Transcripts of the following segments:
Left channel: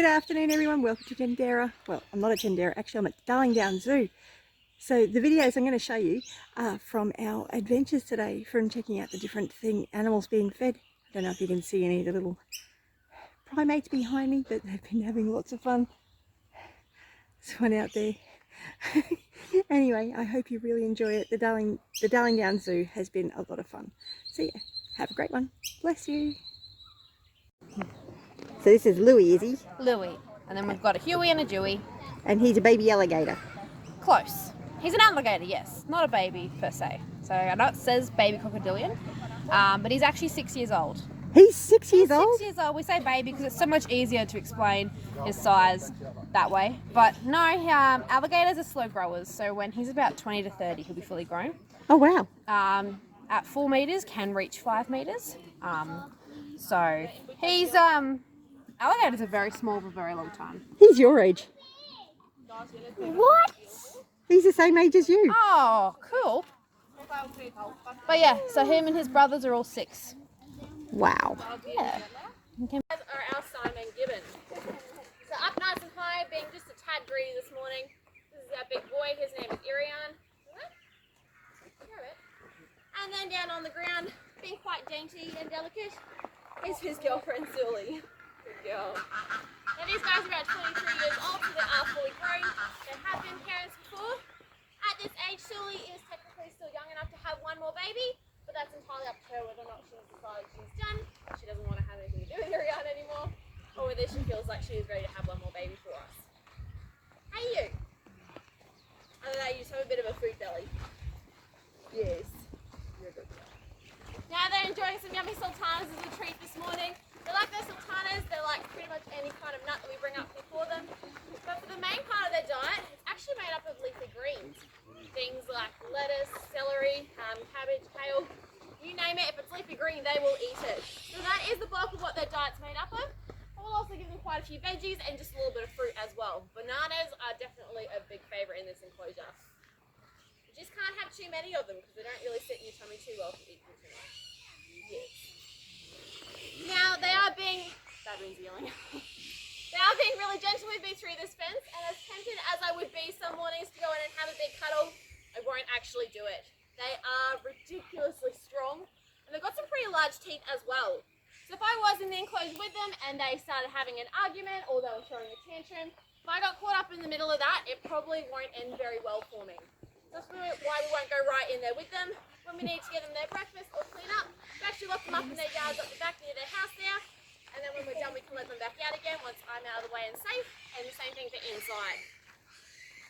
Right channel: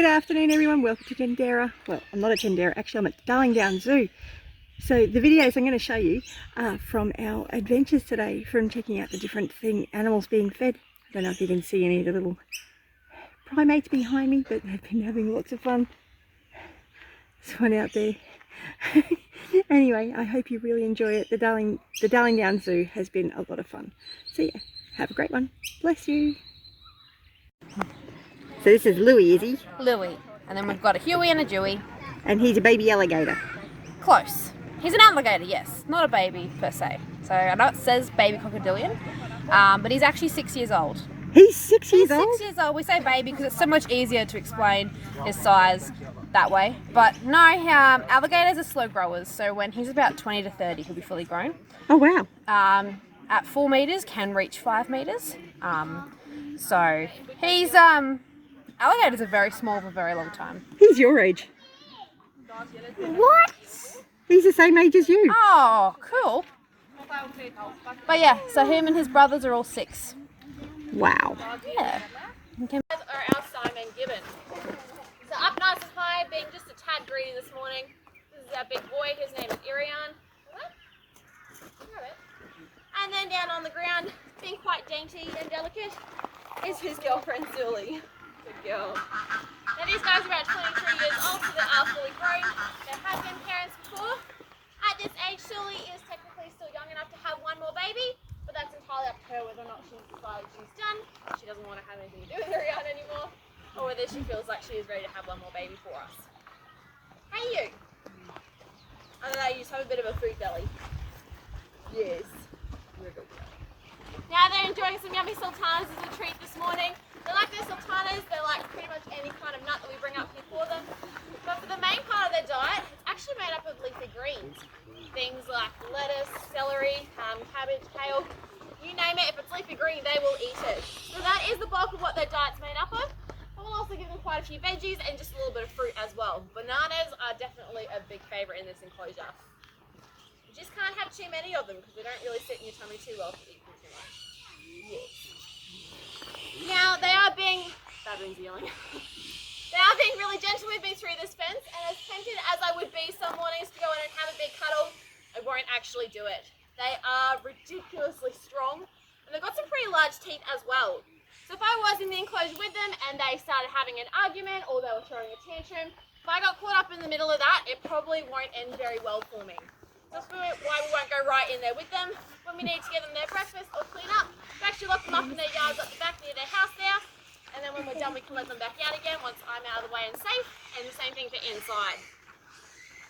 Good afternoon everyone, welcome to Tendera. Well, I'm not at Tendera, actually I'm at Darling Downs Zoo. So the videos I'm going to show you are from our adventures today, from checking out the different animals being fed. I don't know if you can see any of the little primates behind me, but they've been having lots of fun. There's one out there. Anyway, I hope you really enjoy it. The Darling Downs Zoo has been a lot of fun. So yeah, have a great one. Bless you. So this is Louie, is he? Louie. And then we've got a Huey and a Dewey. And he's a baby alligator. Close. He's an alligator, yes. Not a baby per se. So I know it says baby crocodilian, but he's actually 6 years old. He's 6 years old? 6 years old. We say baby because it's so much easier to explain his size that way. But no, alligators are slow growers. So when he's about 20 to 30, he'll be fully grown. Oh, wow. At 4 meters, can reach 5 meters. So he's... alligators are very small for a very long time. He's your age. What? He's the same age as you. Oh, cool. But yeah, so him and his brothers are all 6. Wow. Yeah. These are our Simon Gibbons. So up nice and high, being just a tad greedy this morning. This is our big boy, his name is Irian. And then down on the ground, being quite dainty and delicate, is his girlfriend Sully. Good girl. Now these guys are about 23 years old, so they are fully grown. They have been parents before. At this age, Sully is technically still young enough to have one more baby, but that's entirely up to her whether or not she's decided she's done. She doesn't want to have anything to do with Irian anymore, or whether she feels like she is ready to have one more baby for us. Hey you! I don't know, you just have a bit of a food belly. Yes. You're a good girl. Now they're enjoying some yummy sultanas as a treat this morning. They like their sultanas, they like pretty much any kind of nut that we bring up here for them. But for the main part of their diet, it's actually made up of leafy greens. Things like lettuce, celery, cabbage, kale, you name it, if it's leafy green, they will eat it. So that is the bulk of what their diet's made up of. But we'll also give them quite a few veggies and just a little bit of fruit as well. Bananas are definitely a big favourite in this enclosure. You just can't have too many of them because they don't really sit in your tummy too well if you eat them too much. Yes. Now they are being, baboons yelling. They are being really gentle with me through this fence, and as tempted as I would be some mornings to go in and have a big cuddle, I won't actually do it. They are ridiculously strong, and they've got some pretty large teeth as well. So if I was in the enclosure with them and they started having an argument or they were throwing a tantrum, if I got caught up in the middle of that, it probably won't end very well for me. That's why we won't go right in there with them. When we need to give them their breakfast or clean up, we actually lock them up in their yards at the back near their house there. And then when we're done, we can let them back out again once I'm out of the way and safe. And the same thing for inside.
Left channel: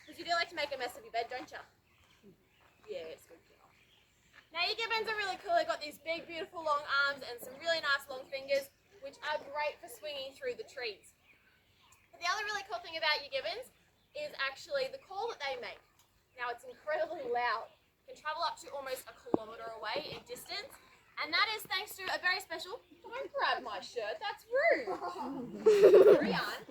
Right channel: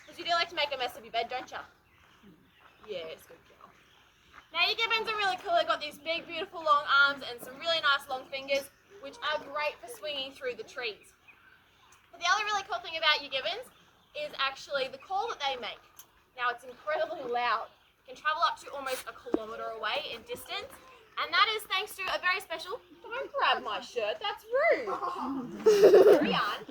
Because you do like to make a mess of your bed, don't you? Yes, good girl. Now your gibbons are really cool. They've got these big, beautiful long arms and some really nice long fingers, which are great for swinging through the trees. But the other really cool thing about your gibbons is actually the call that they make. Now it's incredibly loud. It can travel up to almost a kilometre away in distance. And that is thanks to a very special, don't grab my shirt, that's rude. Carry on.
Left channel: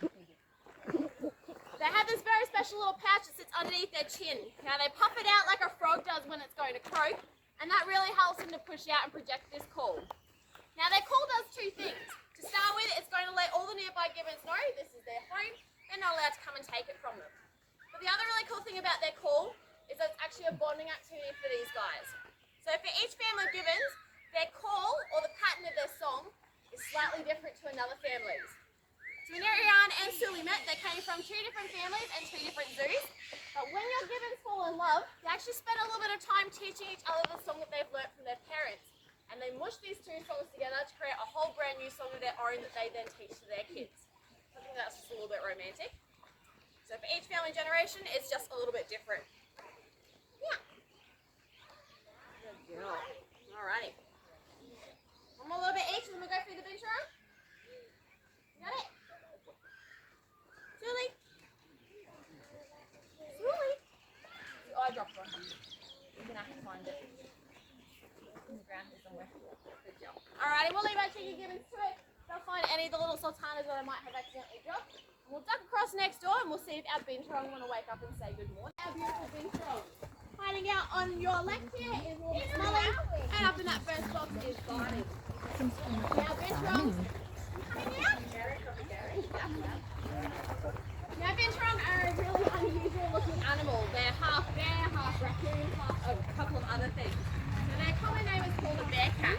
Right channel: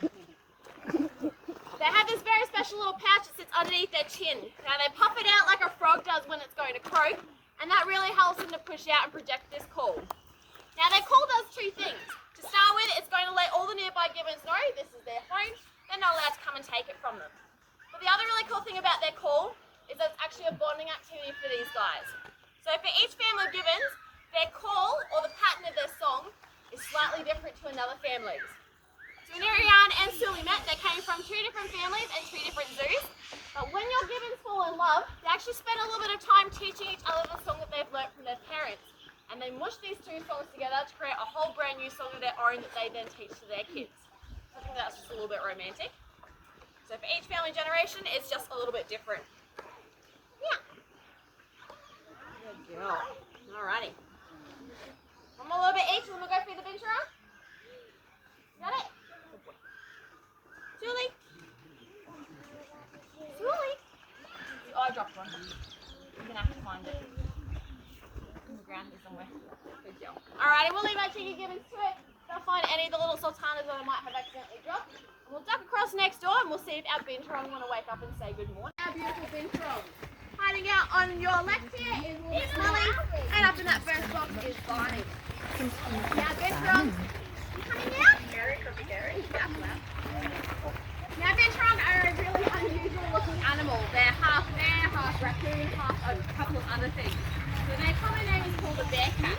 They have this very special little pouch that sits underneath their chin. Now they puff it out like a frog does when it's going to croak, and that really helps them to push out and project this call. Now their call does 2 things. To start with, it's going to let all the nearby gibbons know this is their home. They're not allowed to come and take it from them. But the other really cool thing about their call is that it's actually a bonding activity for these guys. So for each family of gibbons, their call, or the pattern of their song, is slightly different to another family's. So when Irian and Sully met, they came from 2 different families and 2 different zoos. But when your gibbons fall in love, they actually spend a little bit of time teaching each other the song that they've learnt from their parents. And they mush these 2 songs together to create a whole brand new song of their own that they then teach to their kids. I think that's just a little bit romantic. So for each family generation, it's just a little bit different. Yeah. Good girl. Alrighty. One more little bit each, and then we'll go through the bench around. Got it? Julie? Julie? The eye dropped one. You're going to have to find it. In the ground here somewhere. Good girl. Alrighty, we'll leave our cheeky gibbons to it. They'll find any of the little sultanas that I might have accidentally dropped. And we'll duck across next door and we'll see if our binturong want to wake up and say good morning. Our beautiful binturong. Hiding out on your left here is Little Smelly, and up in that first box is Barney. Now binturongs, you coming out? Gary, Gary. a couple of other things. So their common name is called a bear cat.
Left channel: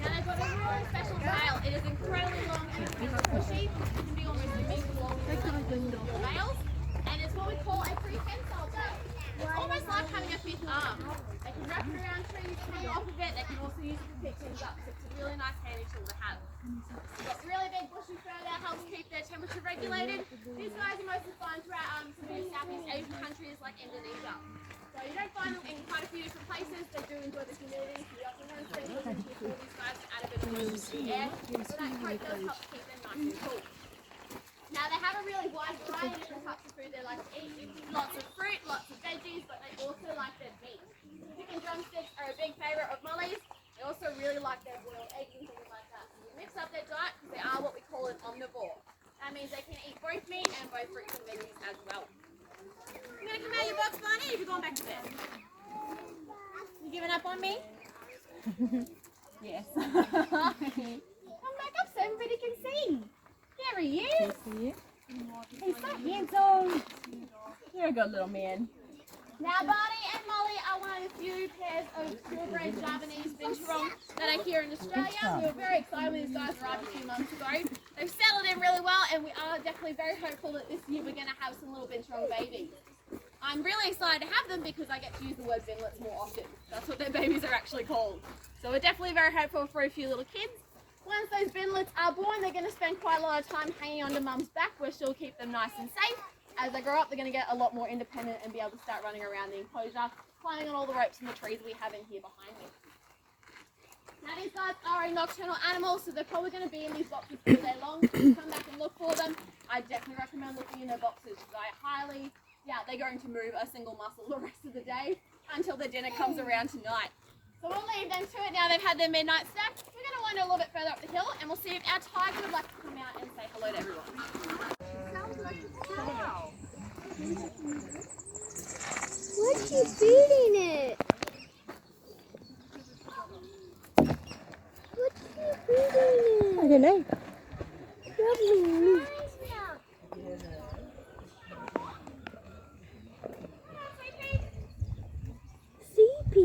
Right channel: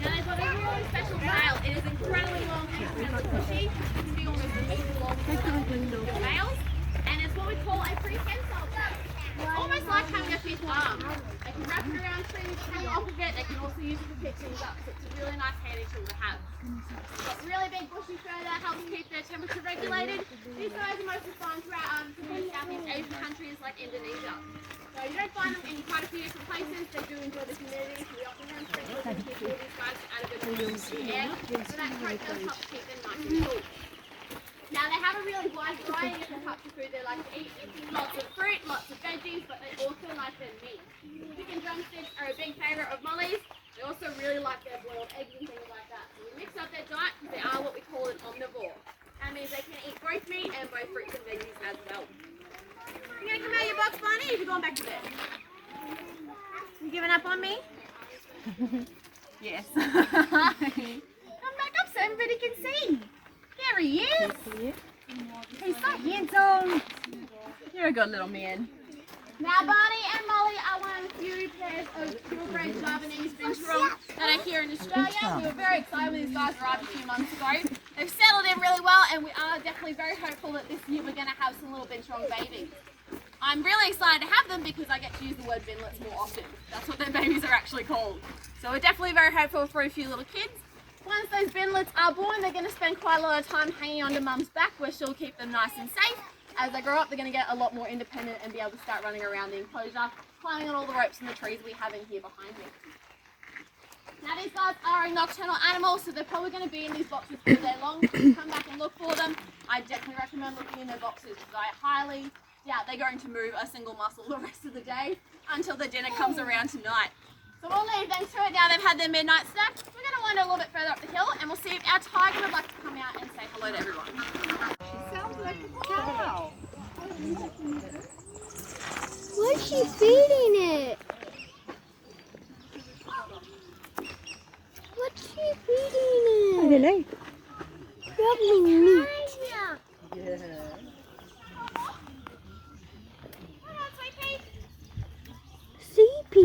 Now they've got a really special tail. It is incredibly long and incredibly bushy. It can be almost a meter long for males. And it's what we call a prehensile tail. It's almost like having a fifth arm. They can wrap it around trees when you off of it. They can also use it to pick things up. So it's a really nice handy tool to have. It's really big bushy fur that helps keep their temperature regulated. These guys are mostly found throughout some of the Southeast Asian countries like Indonesia. So you don't find them in quite a few different places. They do enjoy the humidity, so we often have sprinkles and keep all these guys to add a bit of moisture to the air. So that coat does help keep them nice and cool. Now they have a really wide variety of different types of food they like to eat. Lots of fruit, lots of veggies, but they also like their meat. Chicken drumsticks are a big favourite of Molly's. They also really like their boiled eggs and things like that. So we mix up their diet because they are what we call an omnivore. That means they can eat both meat and both fruits and veggies as well. You gonna come out of your box, Barney? Or are you going back to bed? You giving up on me? Yes. Come back up so everybody can see. There he is. He's so handsome. You're a good little man. Now Barney and Molly are one of the few pairs of purebred Javanese binturong that are here in Australia. We were very excited when these guys arrived a few months ago. They've settled in really well and we are definitely very hopeful that this year we're going to have some little binturong babies. I'm really excited to have them because I get to use the word binlets more often. That's what their babies are actually called. So we're definitely very hopeful for a few little kids. Once those binlets are born, they're going to spend quite a lot of time hanging onto mum's back where she'll keep them nice and safe. As they grow up, they're going to get a lot more independent and be able to start running around the enclosure, climbing on all the ropes and the trees we have in here behind me. Now these guys are a nocturnal animal, so they're probably going to be in these boxes all day long. So if you come back and look for them, I definitely recommend looking in their boxes because I highly doubt they're going to move a single muscle the rest of the day until the dinner comes around tonight. So we'll leave them to it now they've had their midnight snack. We're going to wander a little bit further up the hill and we'll see if our tiger would like to come out and say hello to everyone. Sounds like a cow. What's she feeding it? What's she feeding it? I don't know. Probably meat. CP? Am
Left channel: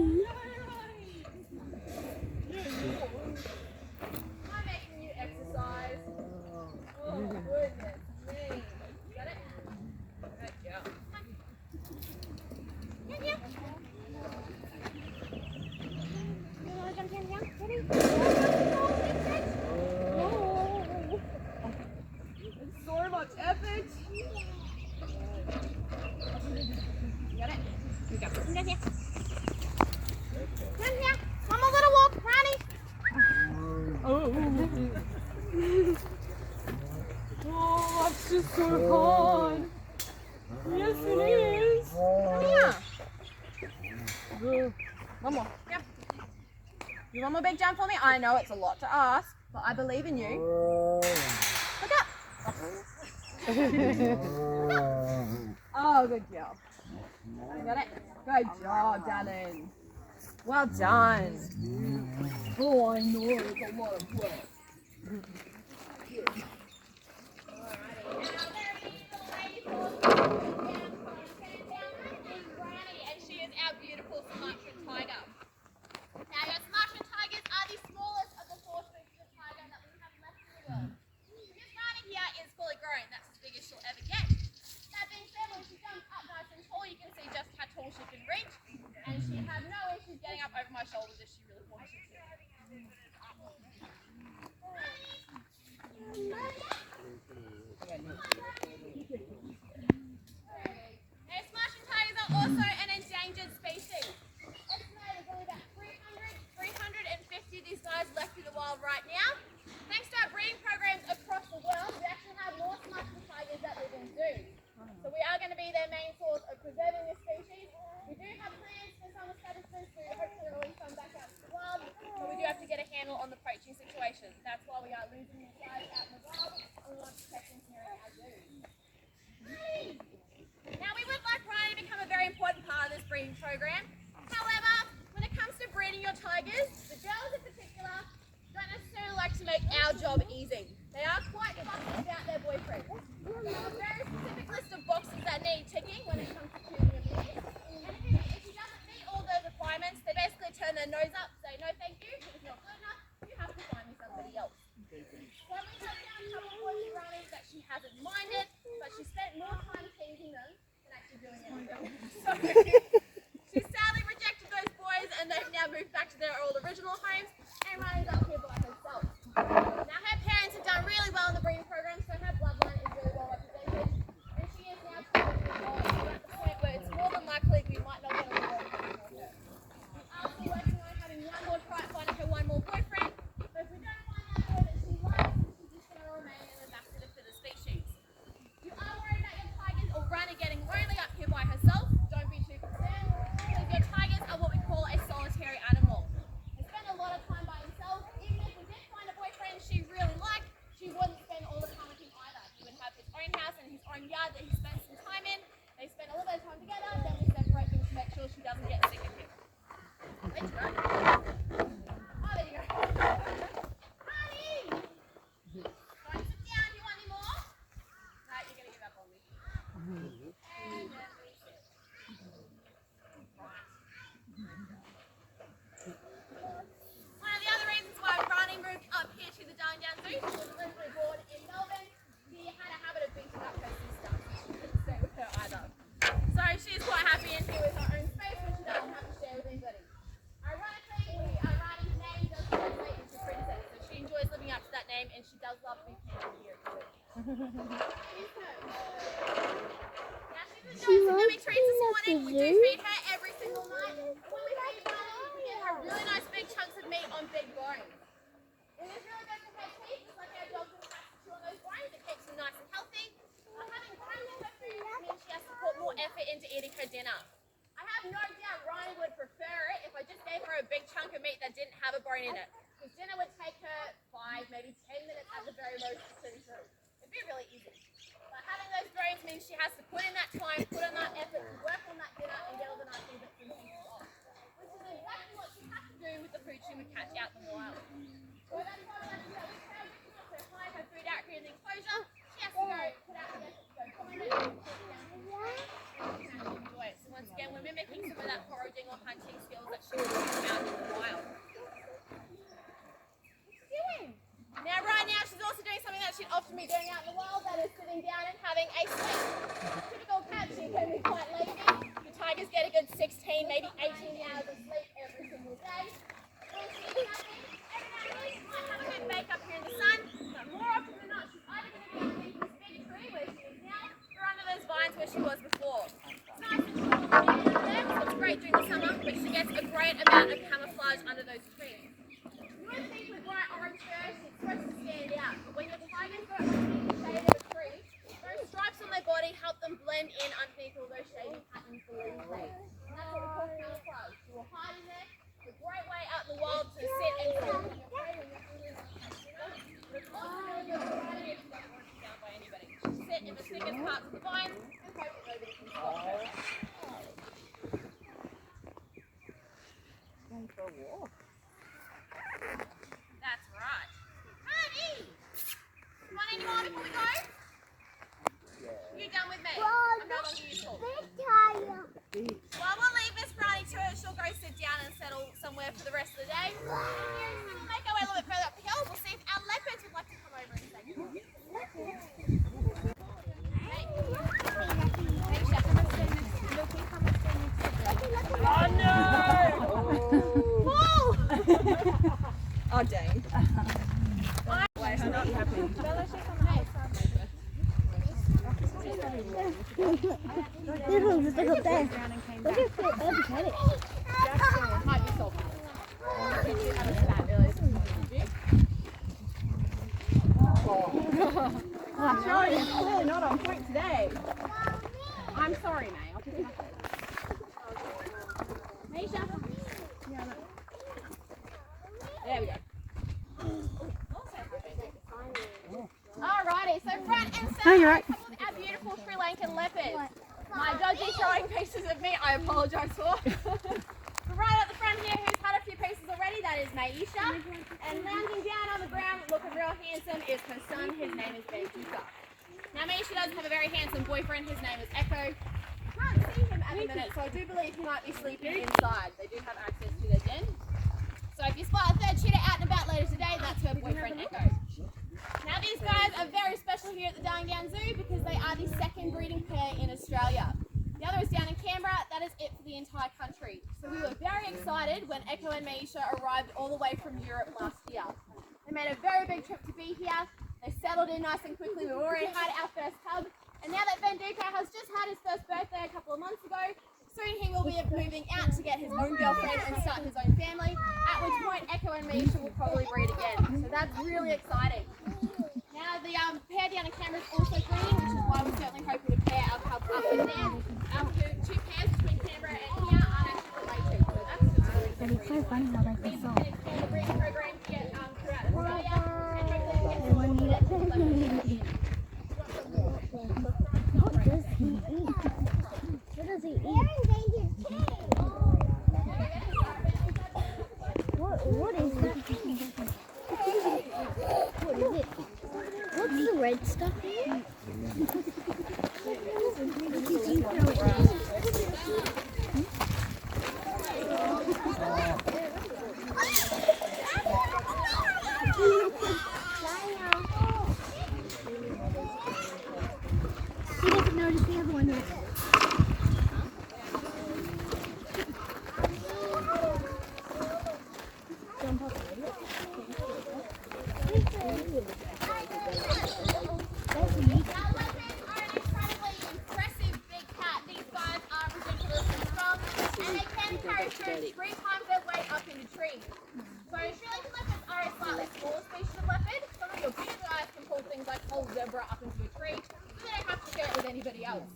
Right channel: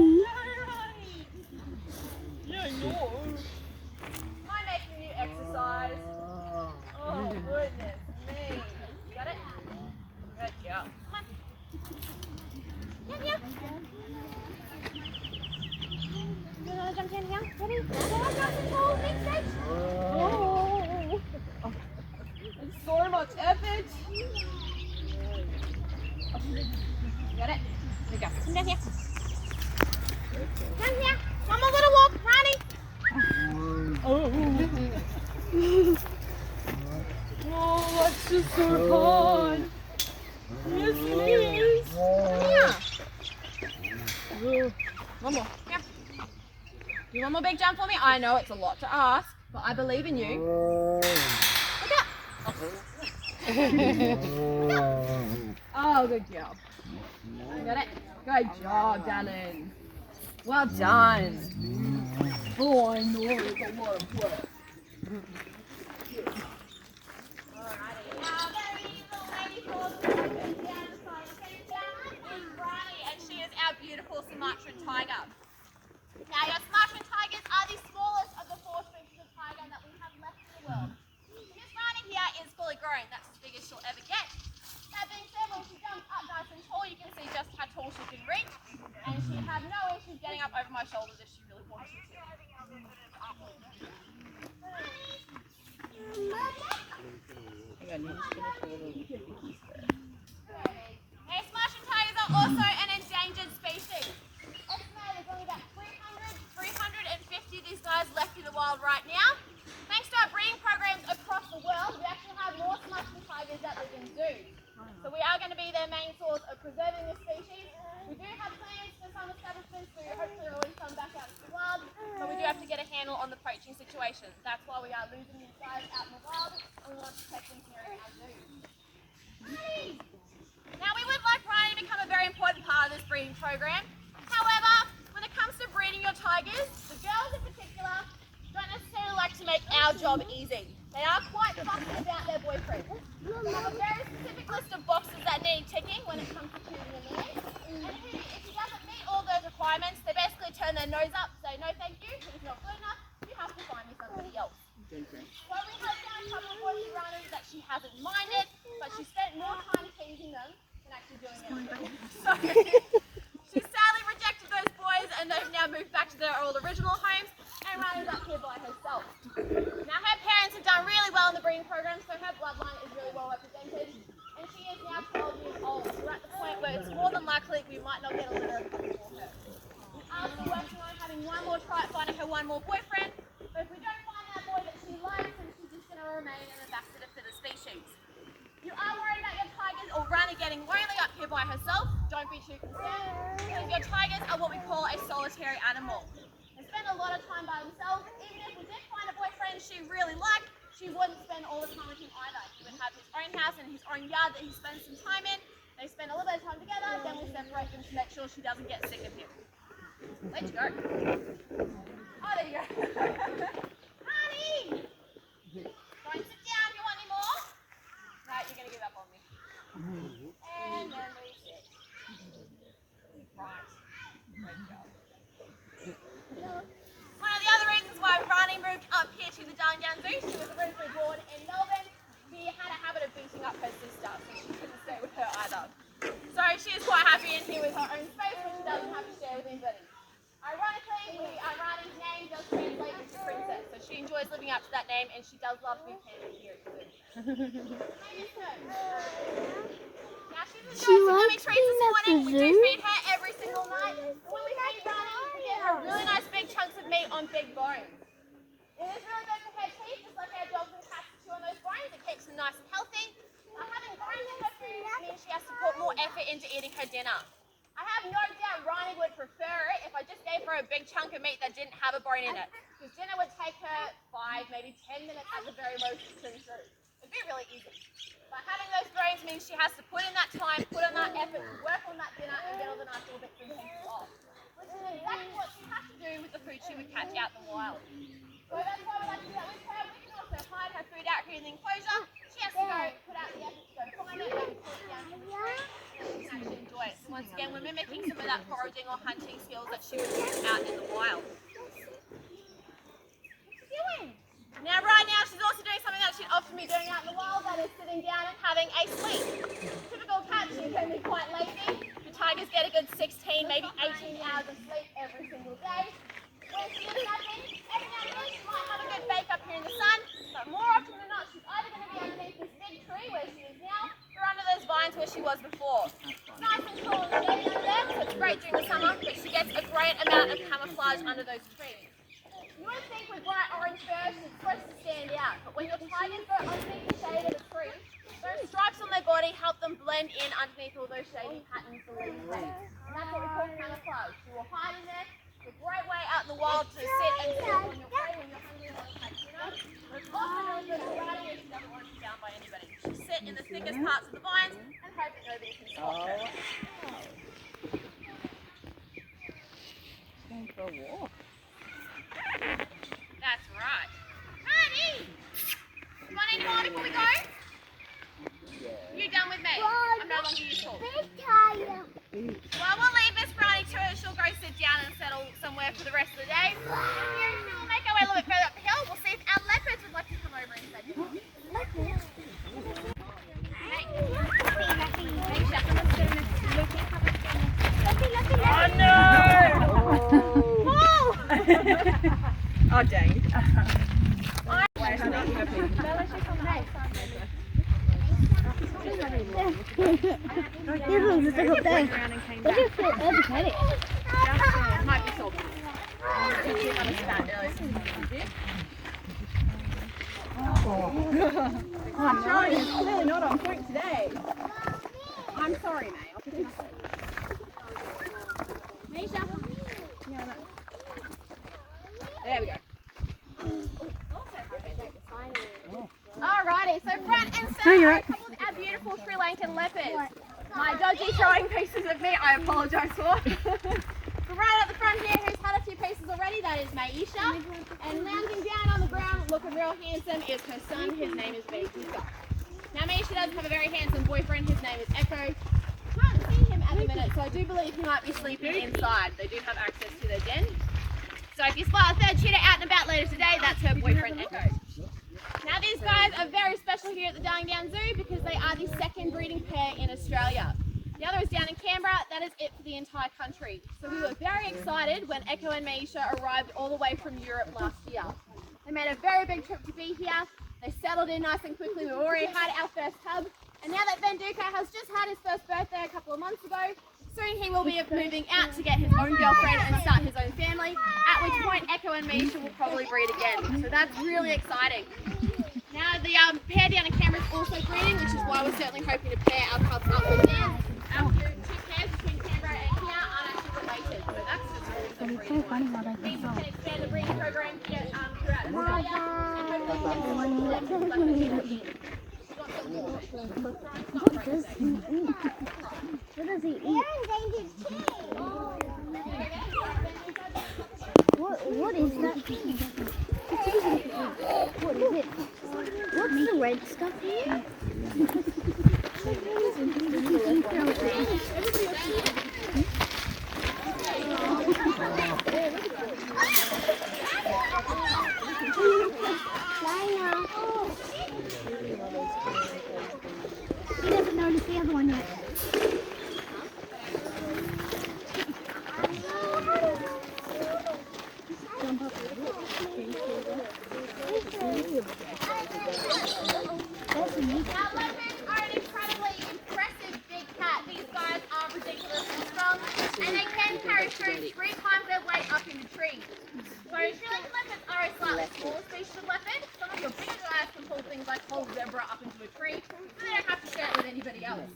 I making you exercise? Oh goodness me. Got it? Good girl. Come on. Yeah. You wanna jump in here? Ready? Oh, big fish. Oh. It's so much effort. You got it? Here we go. Come down here. Down here. One more little walk, Ronnie. Oh, that's just so fun. Yes, it is. Yeah. One more. Yeah. You want more big jump for me? I know it's a lot to ask, but I believe in you. Look up. Oh, good girl. You got it? Good job, darling. Well done. Oh, I know it's a lot of work. Our beautiful Sumatran tiger. Now your Sumatran tigers are the smallest of the 4 species of tiger that we have left in the world. This Rani here is fully grown, that's as big as she'll ever get. That being said, when she jumps up nice and tall, you can see just how tall she can reach, and she had no issues getting up over my shoulders if she really wanted to. Now Sumatran tigers are also an endangered species. Estimated there's only about 350 of these guys left in the wild right now. Thanks to our breeding programs across the world, we actually have more Sumatran tigers that live in zoos. So we are going to be their main source of preserving this species. We do have plans for some establishments to hopefully release some back out to the wild, but we do have to get a handle on the poaching situation. That's why we are losing these guys out in the wild, and we want to protect them here in our zoos. Now we would like Rani to become a very important part of this breeding program. However, when it comes to breeding your tigers, the girls in particular don't necessarily like to make our job easy. They are quite fussy about their boyfriends. We have a very specific list of boxes that need ticking when it comes to choosing a man. And if he doesn't meet all those hasn't minded, but she spent more time teasing them than actually doing anything. So she sadly rejected those boys, and they've now moved back to their old original homes, and Riley's up here by herself. Now her parents have done really well in the breeding program, so her bloodline is really well represented, and she is now 12 years old. So we're at the point where it's more than likely we might not get a litter of them for her. We are still working on having one more try at finding her one more boyfriend, but if we don't find that boy that she likes, then she's just going to remain an ambassador for the species. You are worried about your tigers or Rana getting lonely up here by herself? Don't be too concerned, because your tigers are what we call a solitary animal. They spend a lot of time by themselves. Even if we did find a boyfriend she really liked, she wouldn't spend all the time with him either. He would have his own house and his own yard that he spends some time in. They spend a little bit of time together, then we separate them to make sure she doesn't get sick of him. There you go. Oh, there you go. Honey! Don't sit down. Do you want any more? No, you're going to give up on me. And then we sit. Right. There you go. One of the other reasons why Ronnie moved up here to the Darling Downs Zoo, she was originally born in Melbourne. She had a habit of beating up her sister, so she couldn't stay with her either. So she is quite happy in here with her own space, which she doesn't have to share with anybody. Ironically, Rani's name does translate into princess, so she enjoys living up to that name, and she does love to be panted here at the zoo. Now she's enjoying some yummy treats this morning. We do feed her every single night. When we feed Rani, we give her really nice big chunks of meat on big bones. It is really good for her teeth, just like our dogs and cats chew on those bones. It keeps them nice and healthy. Having bones in her food means she has to put more effort into eating her dinner. I have no doubt Rani would prefer it if I just gave her a big chunk of meat that didn't have a bone in it. Because dinner would take her 5, maybe 10 minutes at the very most to chew through. It'd be really easy. But having those bones means she has to put in that time, put in that effort to work on that dinner and get all the nice little bits and pieces off. Which is exactly what she has to do with the food she would catch out in the wild. So that's why we like to do that with her. We can also hide her food out here in the enclosure. She has to go put out the effort to go find it and put it down to the tree, and she can actually enjoy it. So once again, we're mimicking some of that foraging or hunting skills that she would use out in the wild. What's she doing? Now right now she's also doing something that she'd often be doing out in the wild, that is sitting down and having a sleep. Typical cat, she can be quite lazy. The tigers get a good 16, maybe 18 hours of sleep every single day. When she is napping, every now and then she might have a good bake up here in the sun, but more often than not she's either going to be underneath this big tree where she is now, or under those vines where she was before. It's nice and cool in the day out there, so it's great during the summer, but she gets a great amount of camouflage under those trees. You would think with bright orange fur she's supposed to stand out, but when your tigers go underneath the shade of a tree, those stripes on their body help them blend in underneath all those shady patterns the leaves make. And that's what we call camouflage. You will hide in there. It's a great way out in the wild to sit and sleep on your prey when you're hungry and want to catch dinner. But it's also really good for riding if she doesn't want to be found by anybody. She'll sit in the thickest parts of the vines and hope that nobody can spot her. That's right. Honey! You want any more before we go? You done with me? I'm no longer useful. Well, we'll leave Miss Ronnie to her. She'll go sit down and settle somewhere for the rest of the day. We'll make our way a little bit further up the hill. We'll see if our leopards would like to come over and say goodbye. Oh, dang. This was a difficult day. What do you feel educated? Might be salty. I'm sorry, it's clear, not on point today. I'm sorry, May. I'll pick it up. Maisha? There we go. Alrighty, so front and center, Oh, you're right. our beautiful Sri Lankan leopards. My dodgy throwing pieces of meat, I apologise for. But right at the front here, who's had a few pieces already, that is Maisha. And landing down on the ground, looking real handsome, is her son. His name is Benita. Now Maisha does have a very handsome boyfriend. His name is Echo. I can't see him at the minute, so I do believe he might be sleeping inside. They do have access to their den. So if you spot a third cheetah out and about later today, that's her boyfriend Echo. Now Now these guys are very special here at the Darling Downs Zoo because they are the second breeding pair in Australia. The other is down in Canberra. That is it for the entire country. So we were very excited when Echo and Maisha arrived all the way from Europe last year. They made a very big trip to be here. They settled in nice and quickly. We've already had our first hug. And now that Benduka has just had his first birthday a couple of months ago, soon he will be moving out to get his own girlfriend and start his own family, at which point Echo and Maisha will probably breed again. So that's really exciting. Now the pair down in Canberra is also breeding, which is why we're certainly hoping to pair our cubs up with them. Our two pairs between Canberra and here aren't actually related, so that's just really It's so funny how they means we can can expand the breeding program to get throughout Australia and hopefully get some What does he eat? What is that thing? What is it? What's the red stuff here? He doesn't notice the other one yet. Jump up. That's neat. Now leopards are an incredibly impressive big cat. These guys are ridiculously strong and they can carry food 3 times their weight up into trees. So Australian leopards are a slightly smaller species of leopard. Some of your bigger guys can pull things like whole zebra up into a tree, so they don't have to share it with anybody else.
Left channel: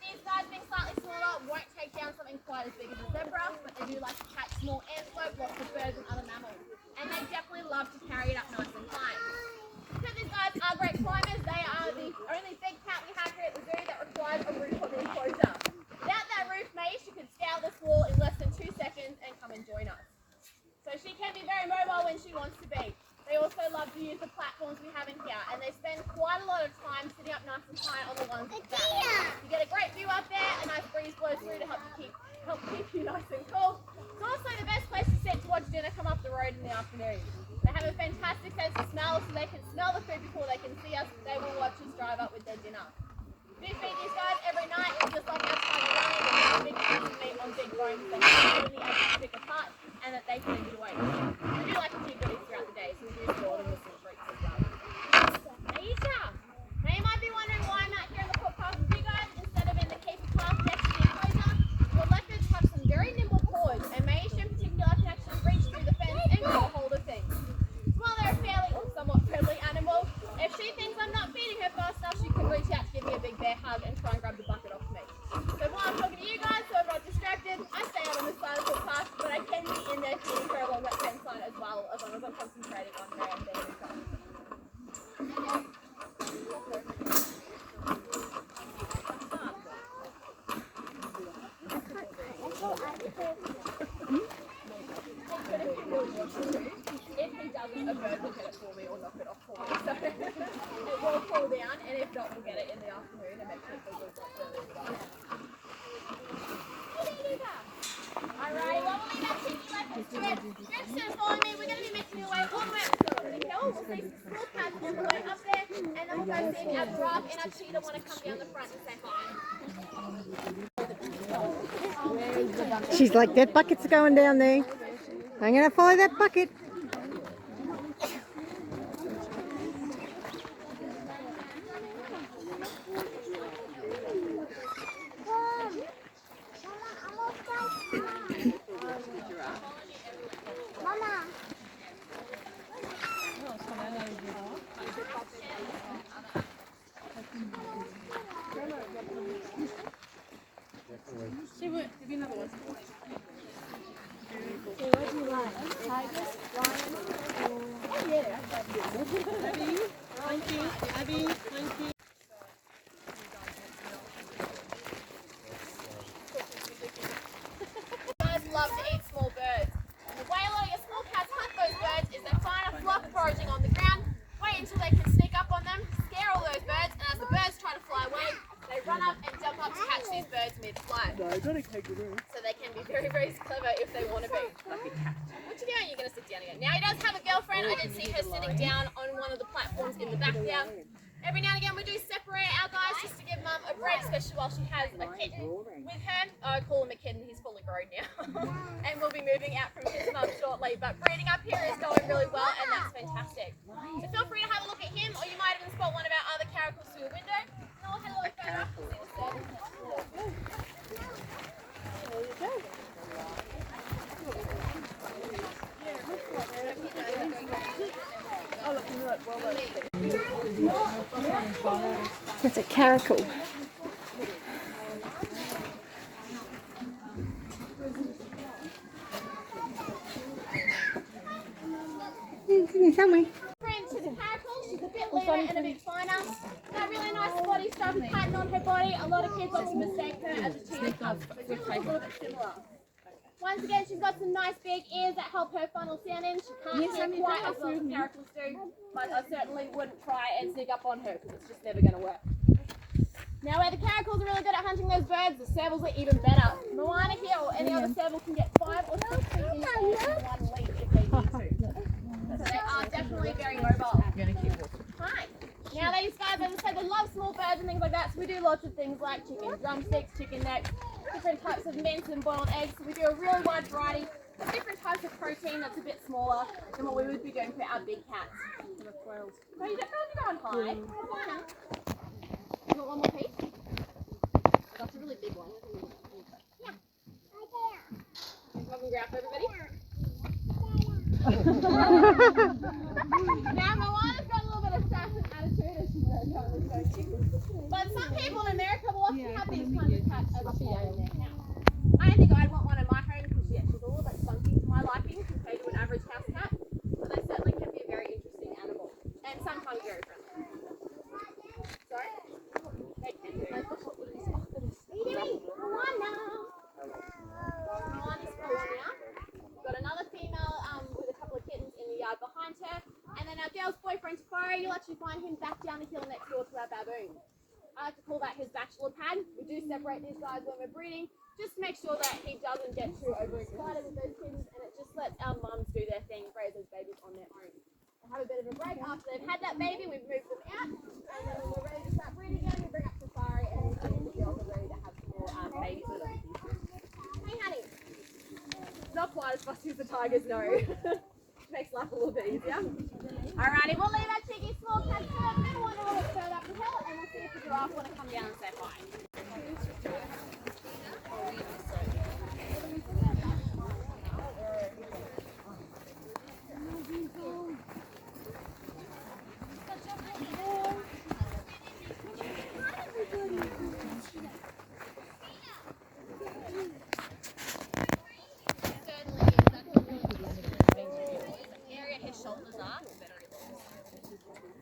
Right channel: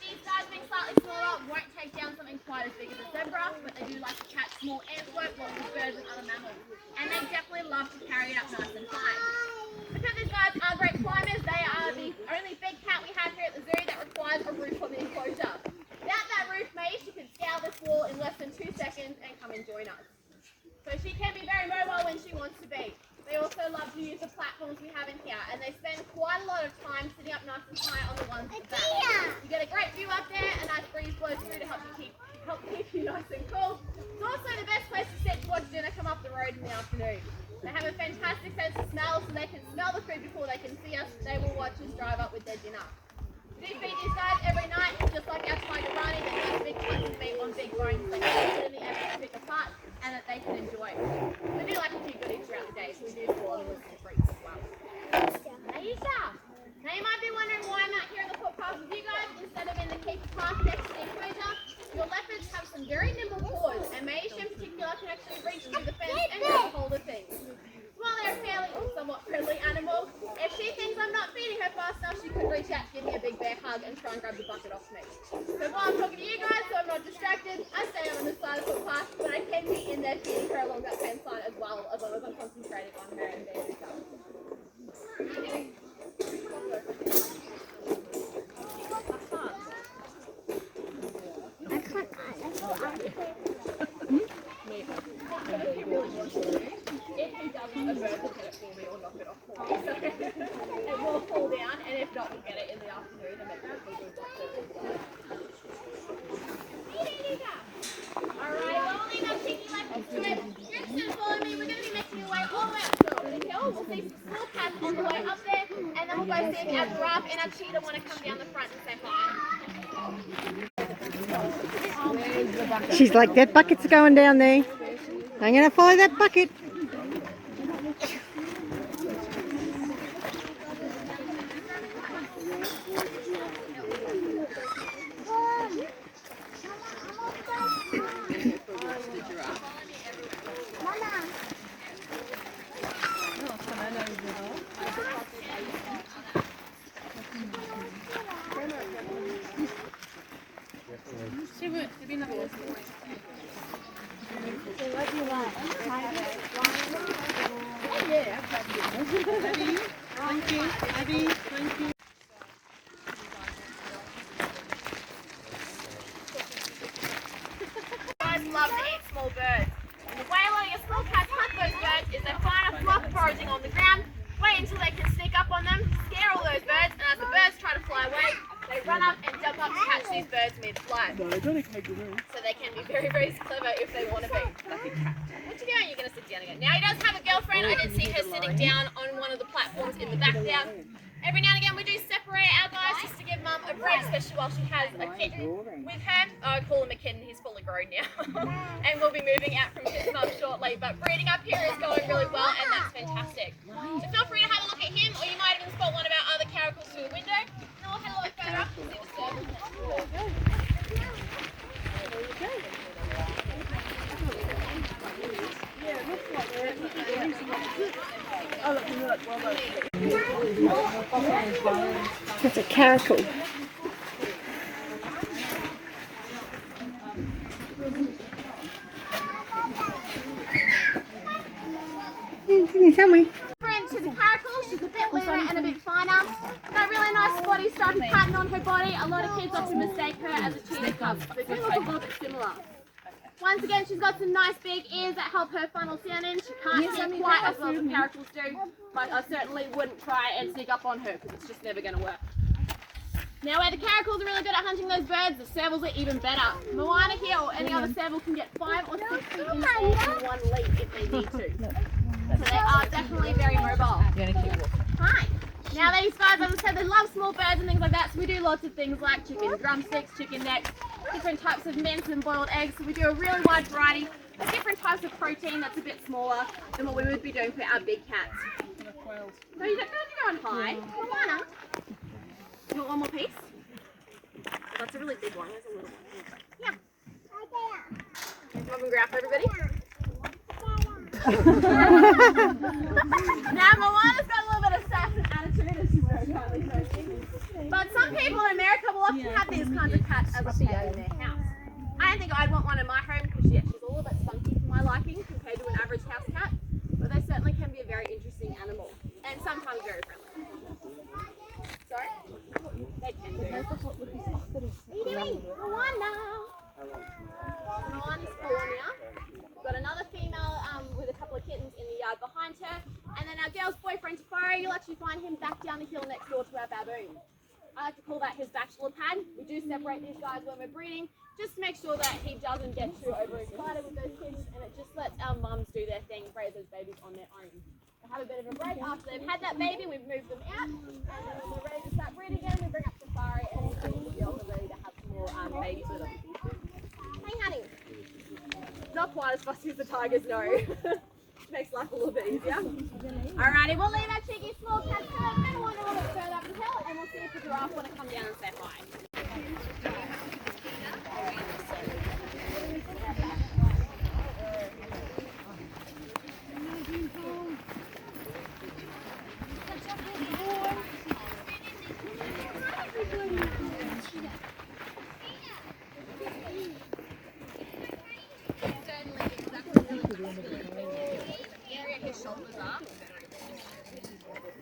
These guys being slightly smaller won't take down something quite as big as a zebra, but they do like to catch small antelope, lots of birds and other mammals. And they definitely love to carry it up nice and high. Because these guys are great climbers, they are the only big cat we have here at the zoo that requires a roof of enclosure. Without that roof, Maisha could scale this wall in less than 2 seconds and come and join us. So she can be very mobile when she wants to be. They also love to use the platforms we have in here, and they spend quite a lot of time sitting up nice and high on the ones at the back. You get a great view up there, a nice breeze blows through to help keep you nice and cool. It's also the best place to sit to watch dinner come up the road in the afternoon. They have a fantastic sense of smell, so they can smell the food before they can see us. They will watch us drive up with their dinner. We do feed these guys every night, just like our tiger running, but with big pieces of meat on big bones that can be able to pick apart and that they can enjoy. We do like to keep goodies throughout the day, so we do store them with some treats as well. Aisha! Now you might be wondering why I'm out here in the footpath with you guys instead of in the keep path next to the enclosure. Well, leopards have some very nimble paws, and Maisha in particular can actually reach through the fence and grab a hold of things. While they're a fairly or somewhat friendly animal, if she thinks I'm not feeding her fast enough, she could reach out to give me a big bear hug and try and grab the bucket off me. So while I'm talking to you guys, so I'm not distracted, I stay out on the side of the footpath, but I can be in there feeding her along that fence line as long as I'm concentrating on her and being with her. If he doesn't, a bird will get it for me or knock it off for me. So it will fall down, and if not, we'll get it in the afternoon and make sure it's all good. Alright, well, we'll leave our cheeky leopards to it. You're interested in following me, we're going to be making our way all the way up to the hill. We'll see some small cats on the way up there, and then we'll go see if our giraffe and our cheetah want to come down the front and say hi. She's like, that bucket's going down there. I'm going to follow that bucket. So what do you want? Tiger? Yeah. Thank you, Abby. Thank you. Guys love to eat small birds. And the way a lot of your small cats hunt those birds is they find a flock foraging on the ground, wait until they can sneak up on them, scare all those birds, and as the birds try to fly away, they run up and jump up to catch these birds mid-flight. No, don't take the room. So they can be very, very clever if they want to be. What you doing? You're going to sit down again. Now he does have a girlfriend. I did see her sitting down on one of the platforms in the back there. Every now and again we do separate our guys just to give mum a break, especially while she has a kitten with her. I call him a kitten, he's fully grown now. And we'll be moving out from his mum shortly, but breeding up here is going really well and that's fantastic. So feel free to have a look at him, or you might even spot one of our other caracals through a window. And then we'll head a little further up to see the servants. That's a caracal. Somewhere. Friend to the caracal, she's a bit leaner and a bit finer. Got really nice spotty stripy pattern on her body. A lot of kids often mistake her as a cheetah cub. They do look a little bit similar. Once again, she's got some nice big ears that help her funnel sound in. She can't hear quite as well as caracals do, but I certainly wouldn't try and sneak up on her because it's just never going to work. Now, where the caracals are really good at hunting those birds, the servals are even better. Moana here or any other serval can get 5 or 6 feet in the air in one leap if they need to. So they are definitely very mobile. Hi. Now these guys, as I said, they love small birds and things like that, so we do lots of things like chicken drumsticks, chicken necks, different types of mince and boiled eggs. So we do a really wide variety of different types of protein that's a bit smaller than what we would be doing for our big cats. So you don't go and hide. Moana. You want one more piece? That's a really big one. There's a little bit. Yeah. Come and grab for everybody. Now Moana's got a little bit of sass and attitude and she's very kindly thirsty. But some people in America will often have these kinds of cats as a pet in their house. I don't think I'd want one in my home because she's a little bit funky for my liking compared to an average house cat. But they certainly can be a very interesting animal and sometimes very friendly. Sorry? They can be. What are you doing? Moana! Moana's California. Got another female with a couple of kittens in the yard behind her, and then our girl's boyfriend Tafari, you'll actually find him back down the hill next door to our baboon. I like to call that his bachelor pad. We do separate these guys when we're breeding, just to make sure that he doesn't get too overexcited with those kittens, and it just lets our mums do their thing, raise those babies on their own. They have a bit of a break after they've had that baby, we've moved them out, and then when we're ready to start breeding again, we bring up Safari, and the girls are ready to have some more babies with them. Hey honey. Not quite as fussy as the tigers, no. Makes life a little bit easier. Alrighty, we'll leave our cheeky small cats to it, and then we'll wander a little bit further up the hill, and we'll see if the giraffe want to come down and say hi.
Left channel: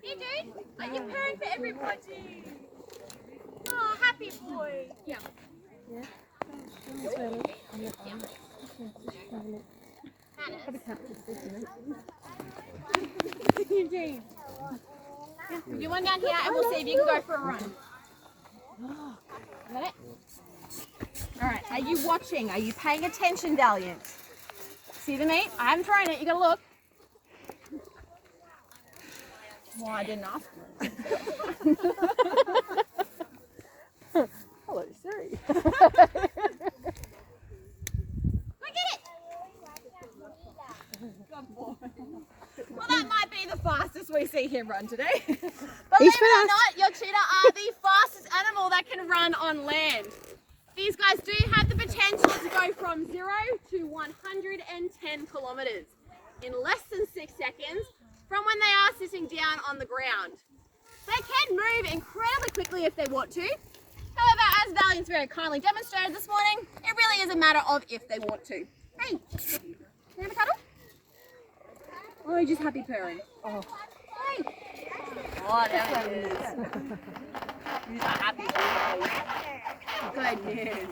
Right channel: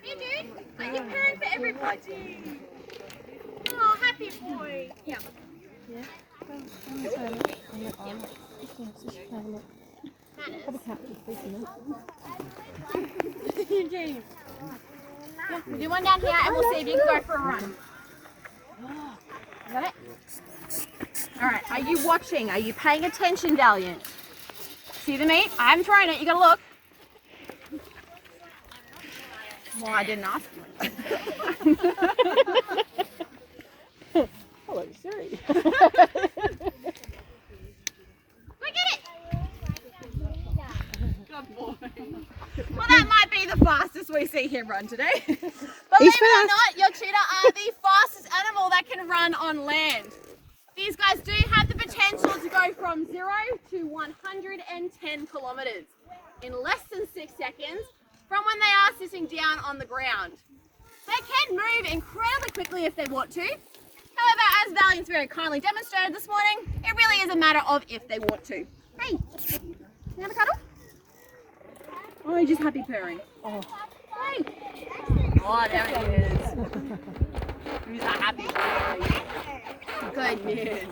Hey dude, are you pairing for everybody? Oh, happy boy. Yeah. Yeah. Do one down here and we'll see if you can go for a run. Got it? Alright, are you watching? Are you paying attention, Valiant? See the meat? I haven't thrown it, you gotta look. Well, I didn't ask you. Hello, sorry. Look at it! Good boy. Well, that might be the fastest we see him run today. Believe it or not, your cheetah are the fastest animal that can run on land. These guys do have the potential to go from 0 to 110 kilometers in less than 6 seconds from when they are sitting down on the ground. They can move incredibly quickly if they want to. However, as Valiant's very kindly demonstrated this morning, it really is a matter of if they want to. Hey, you have a cuddle? Oh, you're just happy purring. Oh. Hey. Oh, there he is. He's a happy boy. Good news.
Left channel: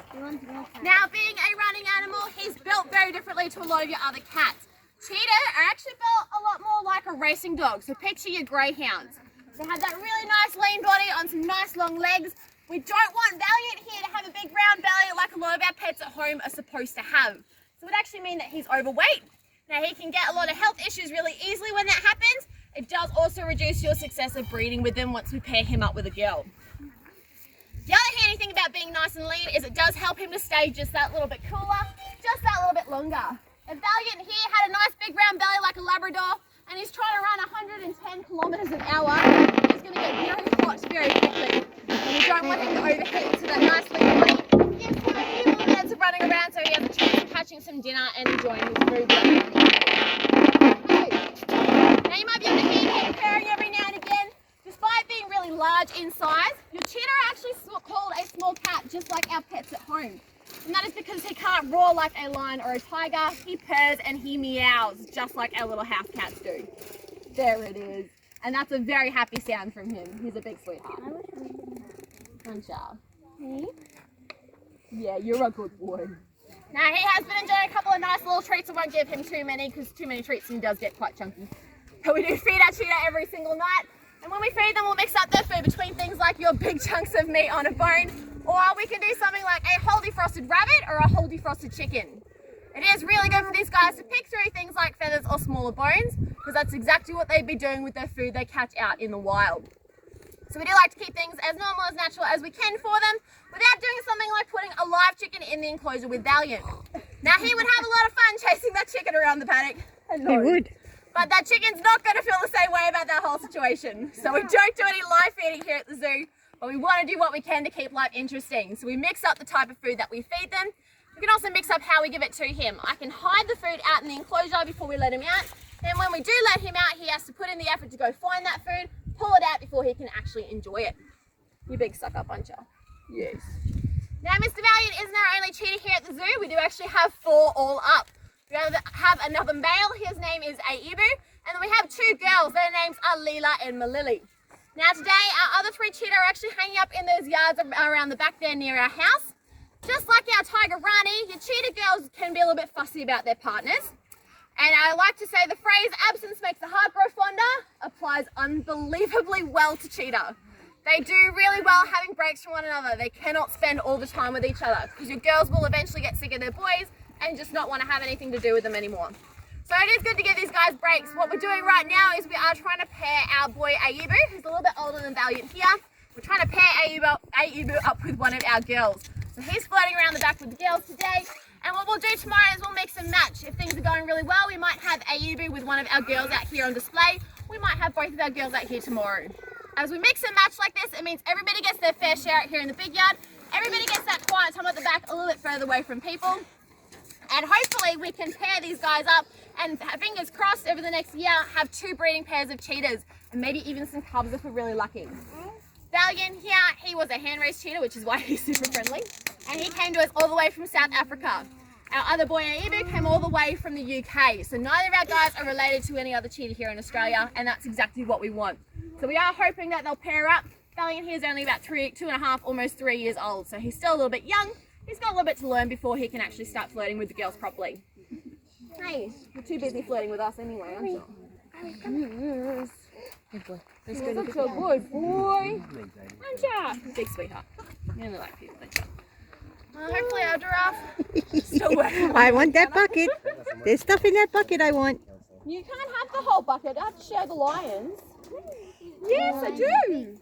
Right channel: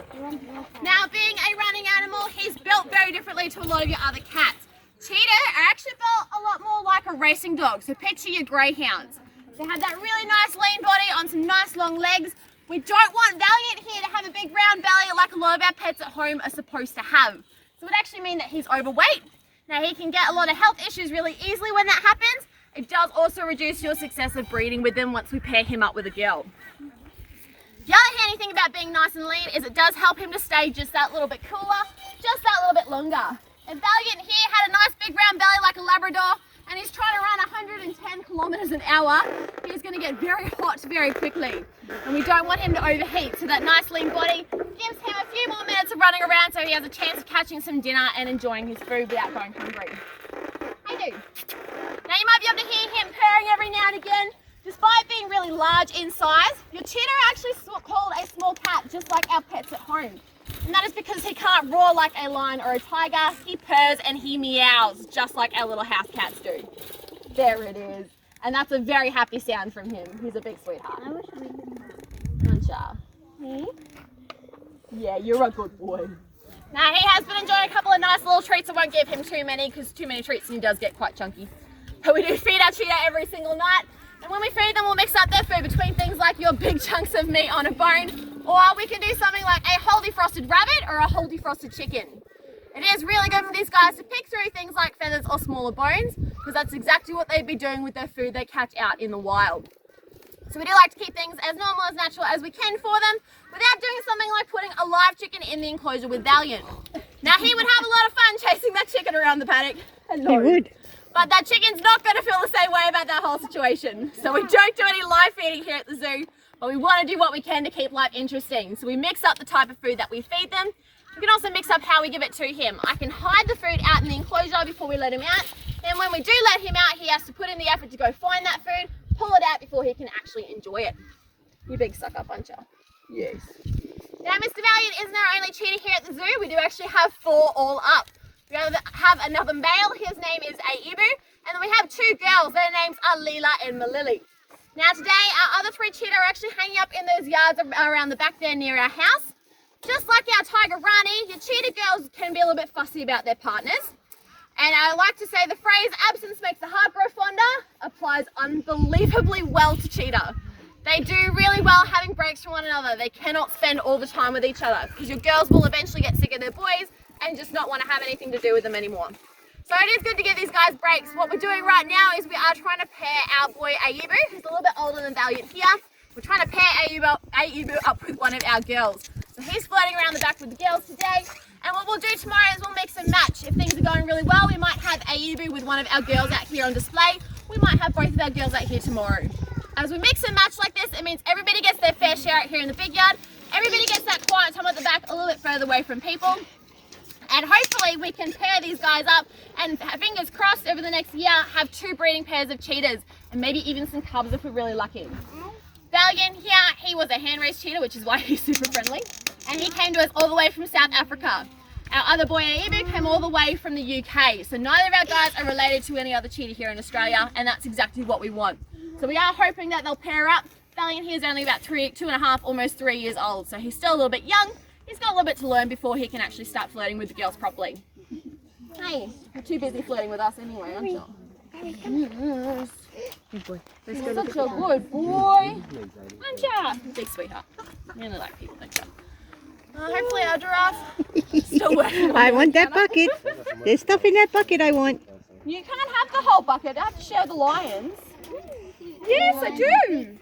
Now, being a running animal, he's built very differently to a lot of your other cats. Cheetah are actually built a lot more like a racing dog, so picture your greyhounds. They have that really nice lean body on some nice long legs. We don't want Valiant here to have a big round belly like a lot of our pets at home are supposed to have. So it would actually mean that he's overweight. Now he can get a lot of health issues really easily when that happens, it does also reduce your success of breeding with them once we pair him up with a girl. The other handy thing about being nice and lean is it does help him to stay just that little bit cooler, just that little bit longer. And Valiant here had a nice big round belly like a Labrador, and he's trying to run 110 kilometers an hour. He's going to get very hot very quickly, and we don't want him to overheat. So that nice lean body gives him a few more minutes of running around, so he has a chance of catching some dinner and enjoying his food without going hungry. Hey. Now you might be able to hear him purring every now and again. Despite being really large in size, your cheetah are actually called a small cat, just like our pets at home. And that is because he can't roar like a lion or a tiger. He purrs and he meows, just like our little house cats do. There it is. And that's a very happy sound from him. He's a big sweetheart. Hey? Yeah, you're a good boy. Now he has been enjoying a couple of nice little treats. I won't give him too many because too many treats and he does get quite chunky. But we do feed our cheetah every single night. And when we feed them, we'll mix up their food between things like your big chunks of meat on a bone, or we can do something like a whole defrosted rabbit or a whole defrosted chicken. It is really good for these guys to pick through things like feathers or smaller bones, because that's exactly what they'd be doing with their food they catch out in the wild. So we do like to keep things as normal, as natural as we can for them, without doing something like putting a live chicken in the enclosure with Valiant. Now he would have a lot of fun chasing that chicken around the paddock. He would. But that chicken's not going to feel the same way about that whole situation. So we don't do any live feeding here at the zoo, but we want to do what we can to keep life interesting. So we mix up the type of food that we feed them. We can also mix up how we give it to him. I can hide the food out in the enclosure before we let him out. And when we do let him out, he has to put in the effort to go find that food, pull it out before he can actually enjoy it. You big sucker puncher. Yes. Now Mr. Valiant isn't our only cheetah here at the zoo. We do actually have 4 all up. We have another male, his name is Aibu, and then we have 2 girls, their names are Leela and Malili. Now today, our other 3 cheetah are actually hanging up in those yards around the back there near our house. Just like our tiger Rani, your cheetah girls can be a little bit fussy about their partners. And I like to say the phrase, absence makes the heart grow fonder, applies unbelievably well to cheetah. They do really well having breaks from one another. They cannot spend all the time with each other, because your girls will eventually get sick of their boys and just not want to have anything to do with them anymore. So it is good to give these guys breaks. What we're doing right now is we are trying to pair our boy Aibu, who's a little bit older than Valiant here. We're trying to pair Aibu up with one of our girls. So he's floating around the back with the girls today. And what we'll do tomorrow is we'll mix and match. If things are going really well, we might have Aibu with one of our girls out here on display. We might have both of our girls out here tomorrow. As we mix and match like this, it means everybody gets their fair share out here in the big yard. Everybody gets that quiet time at the back a little bit further away from people. And hopefully we can pair these guys up and, fingers crossed, over the next year have 2 breeding pairs of cheetahs and maybe even some cubs if we're really lucky. Valiant here, he was a hand-raised cheetah, which is why he's super friendly, and he came to us all the way from South Africa. Our other boy Aibu came all the way from the UK, so neither of our guys are related to any other cheetah here in Australia, and that's exactly what we want. So we are hoping that they'll pair up. Valiant here is only about 2.5, almost 3 years old, so he's still a little bit young. He's got a little bit to learn before he can actually start flirting with the girls properly. Hey, you're too busy flirting with us anyway, aren't you? Yes. Good boy. You're such a good boy. Aren't you? Big sweetheart. You really like people, don't you? Hopefully our giraffe still working. I want that bucket. There's stuff in that bucket I want. You can't have the whole bucket. I have to share the lions. Yes, I do.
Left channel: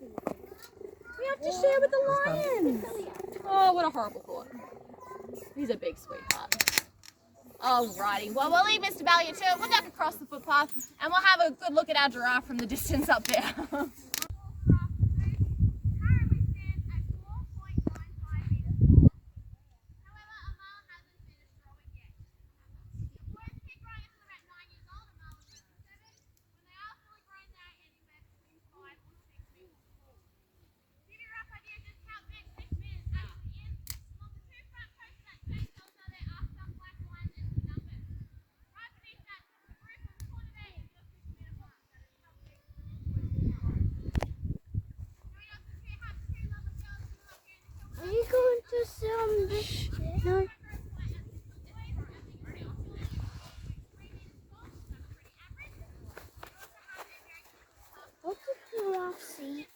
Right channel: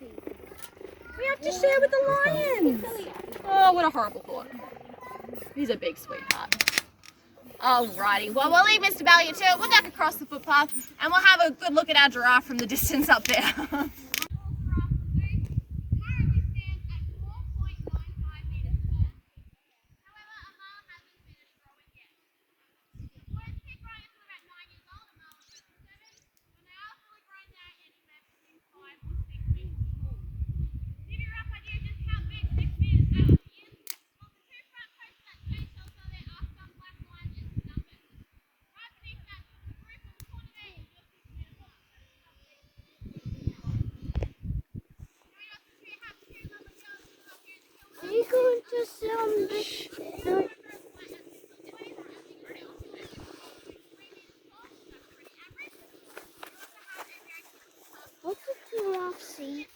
We have to share with the lions. Oh, what a horrible thought. He's a big sweetheart. Alrighty, well we'll leave Mr. Valiant to it. We'll duck across the footpath and we'll have a good look at our giraffe from the distance up there. Are you going to sit on this? No. What's the giraffe see?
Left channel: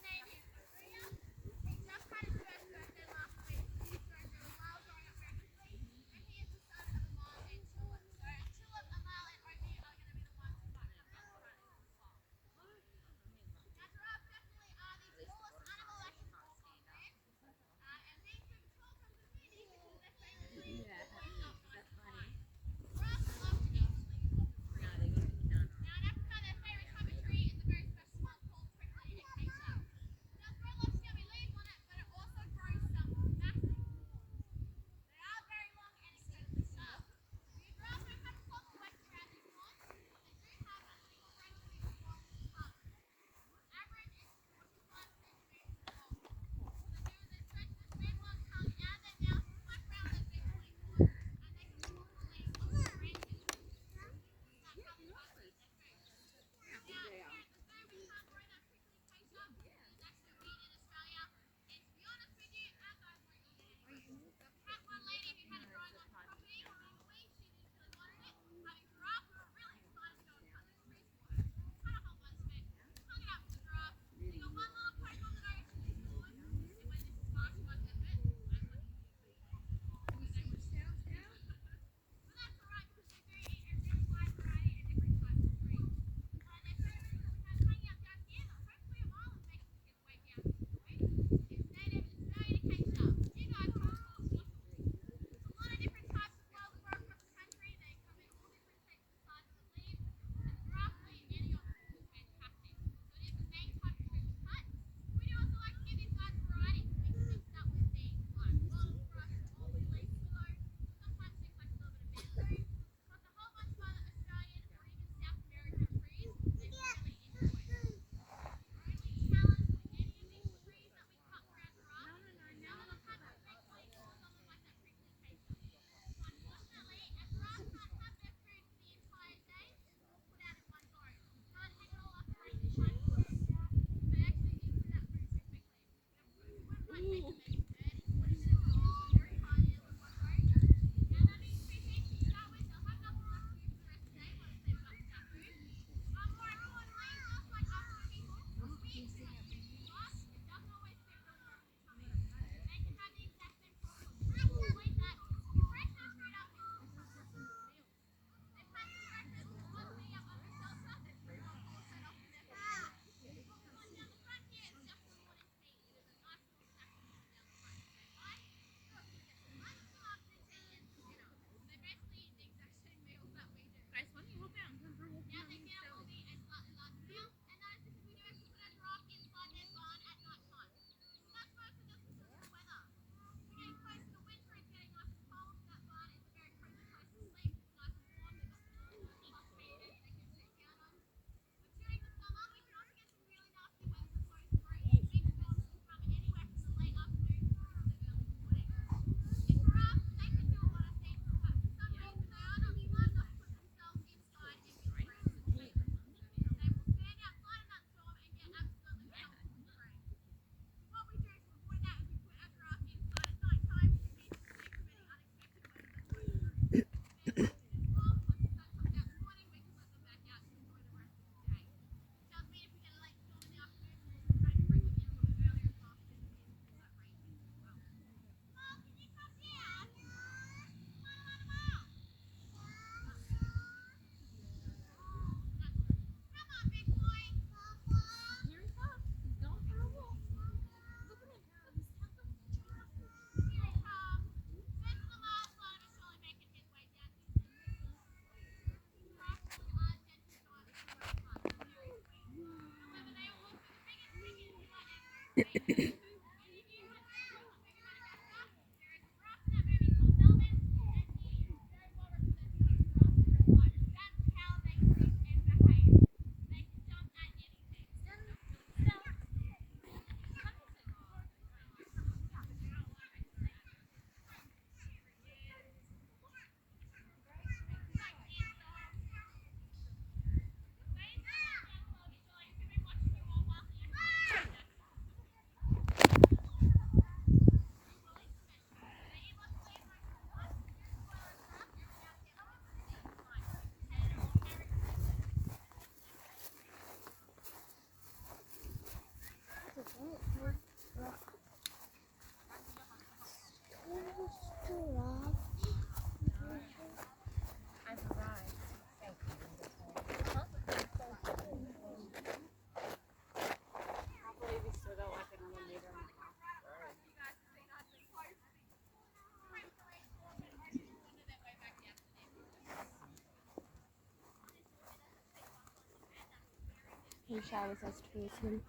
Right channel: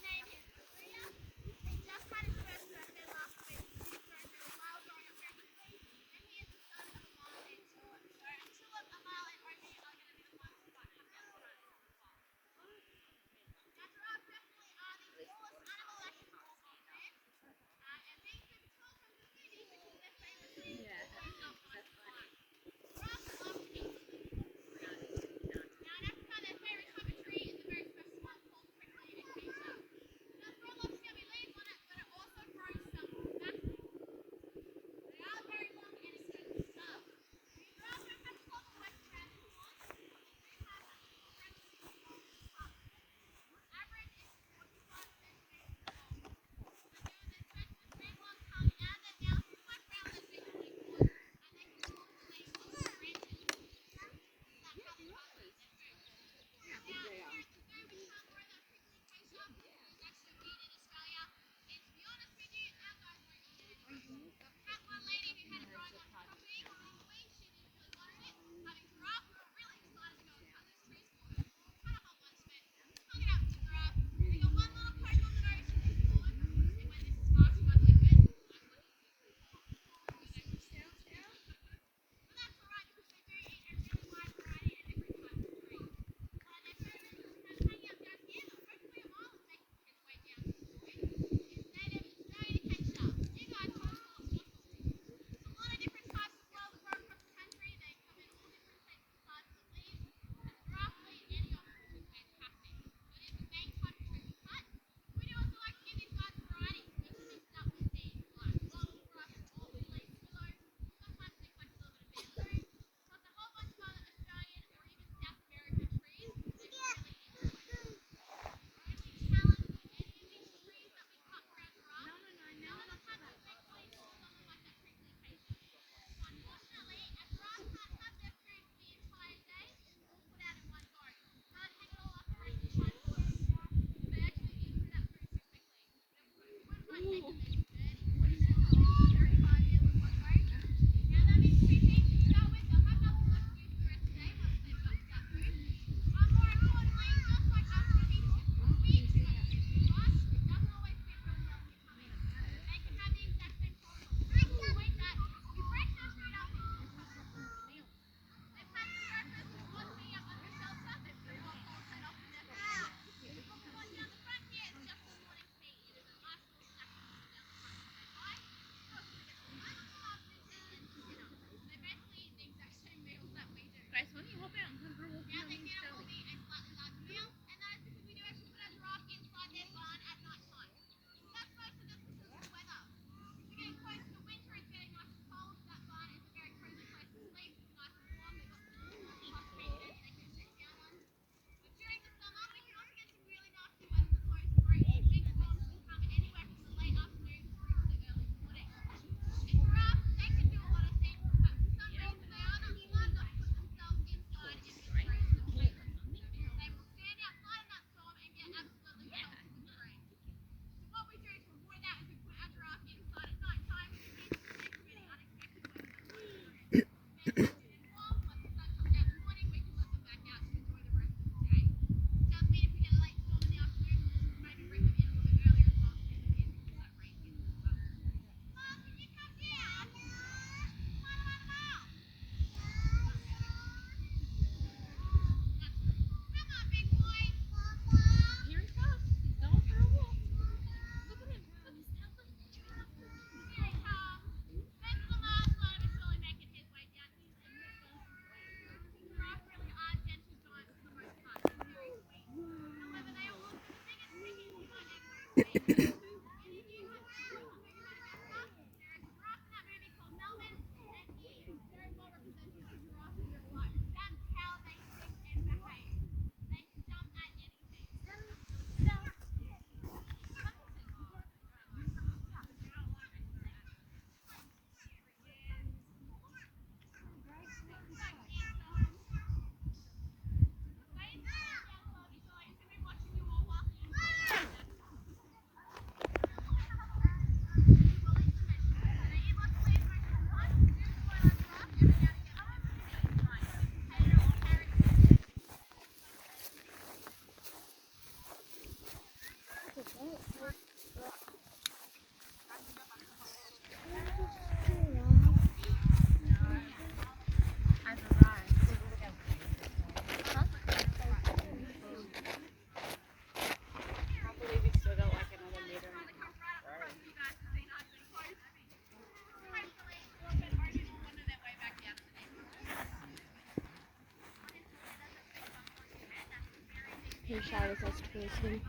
Who showers us towards him?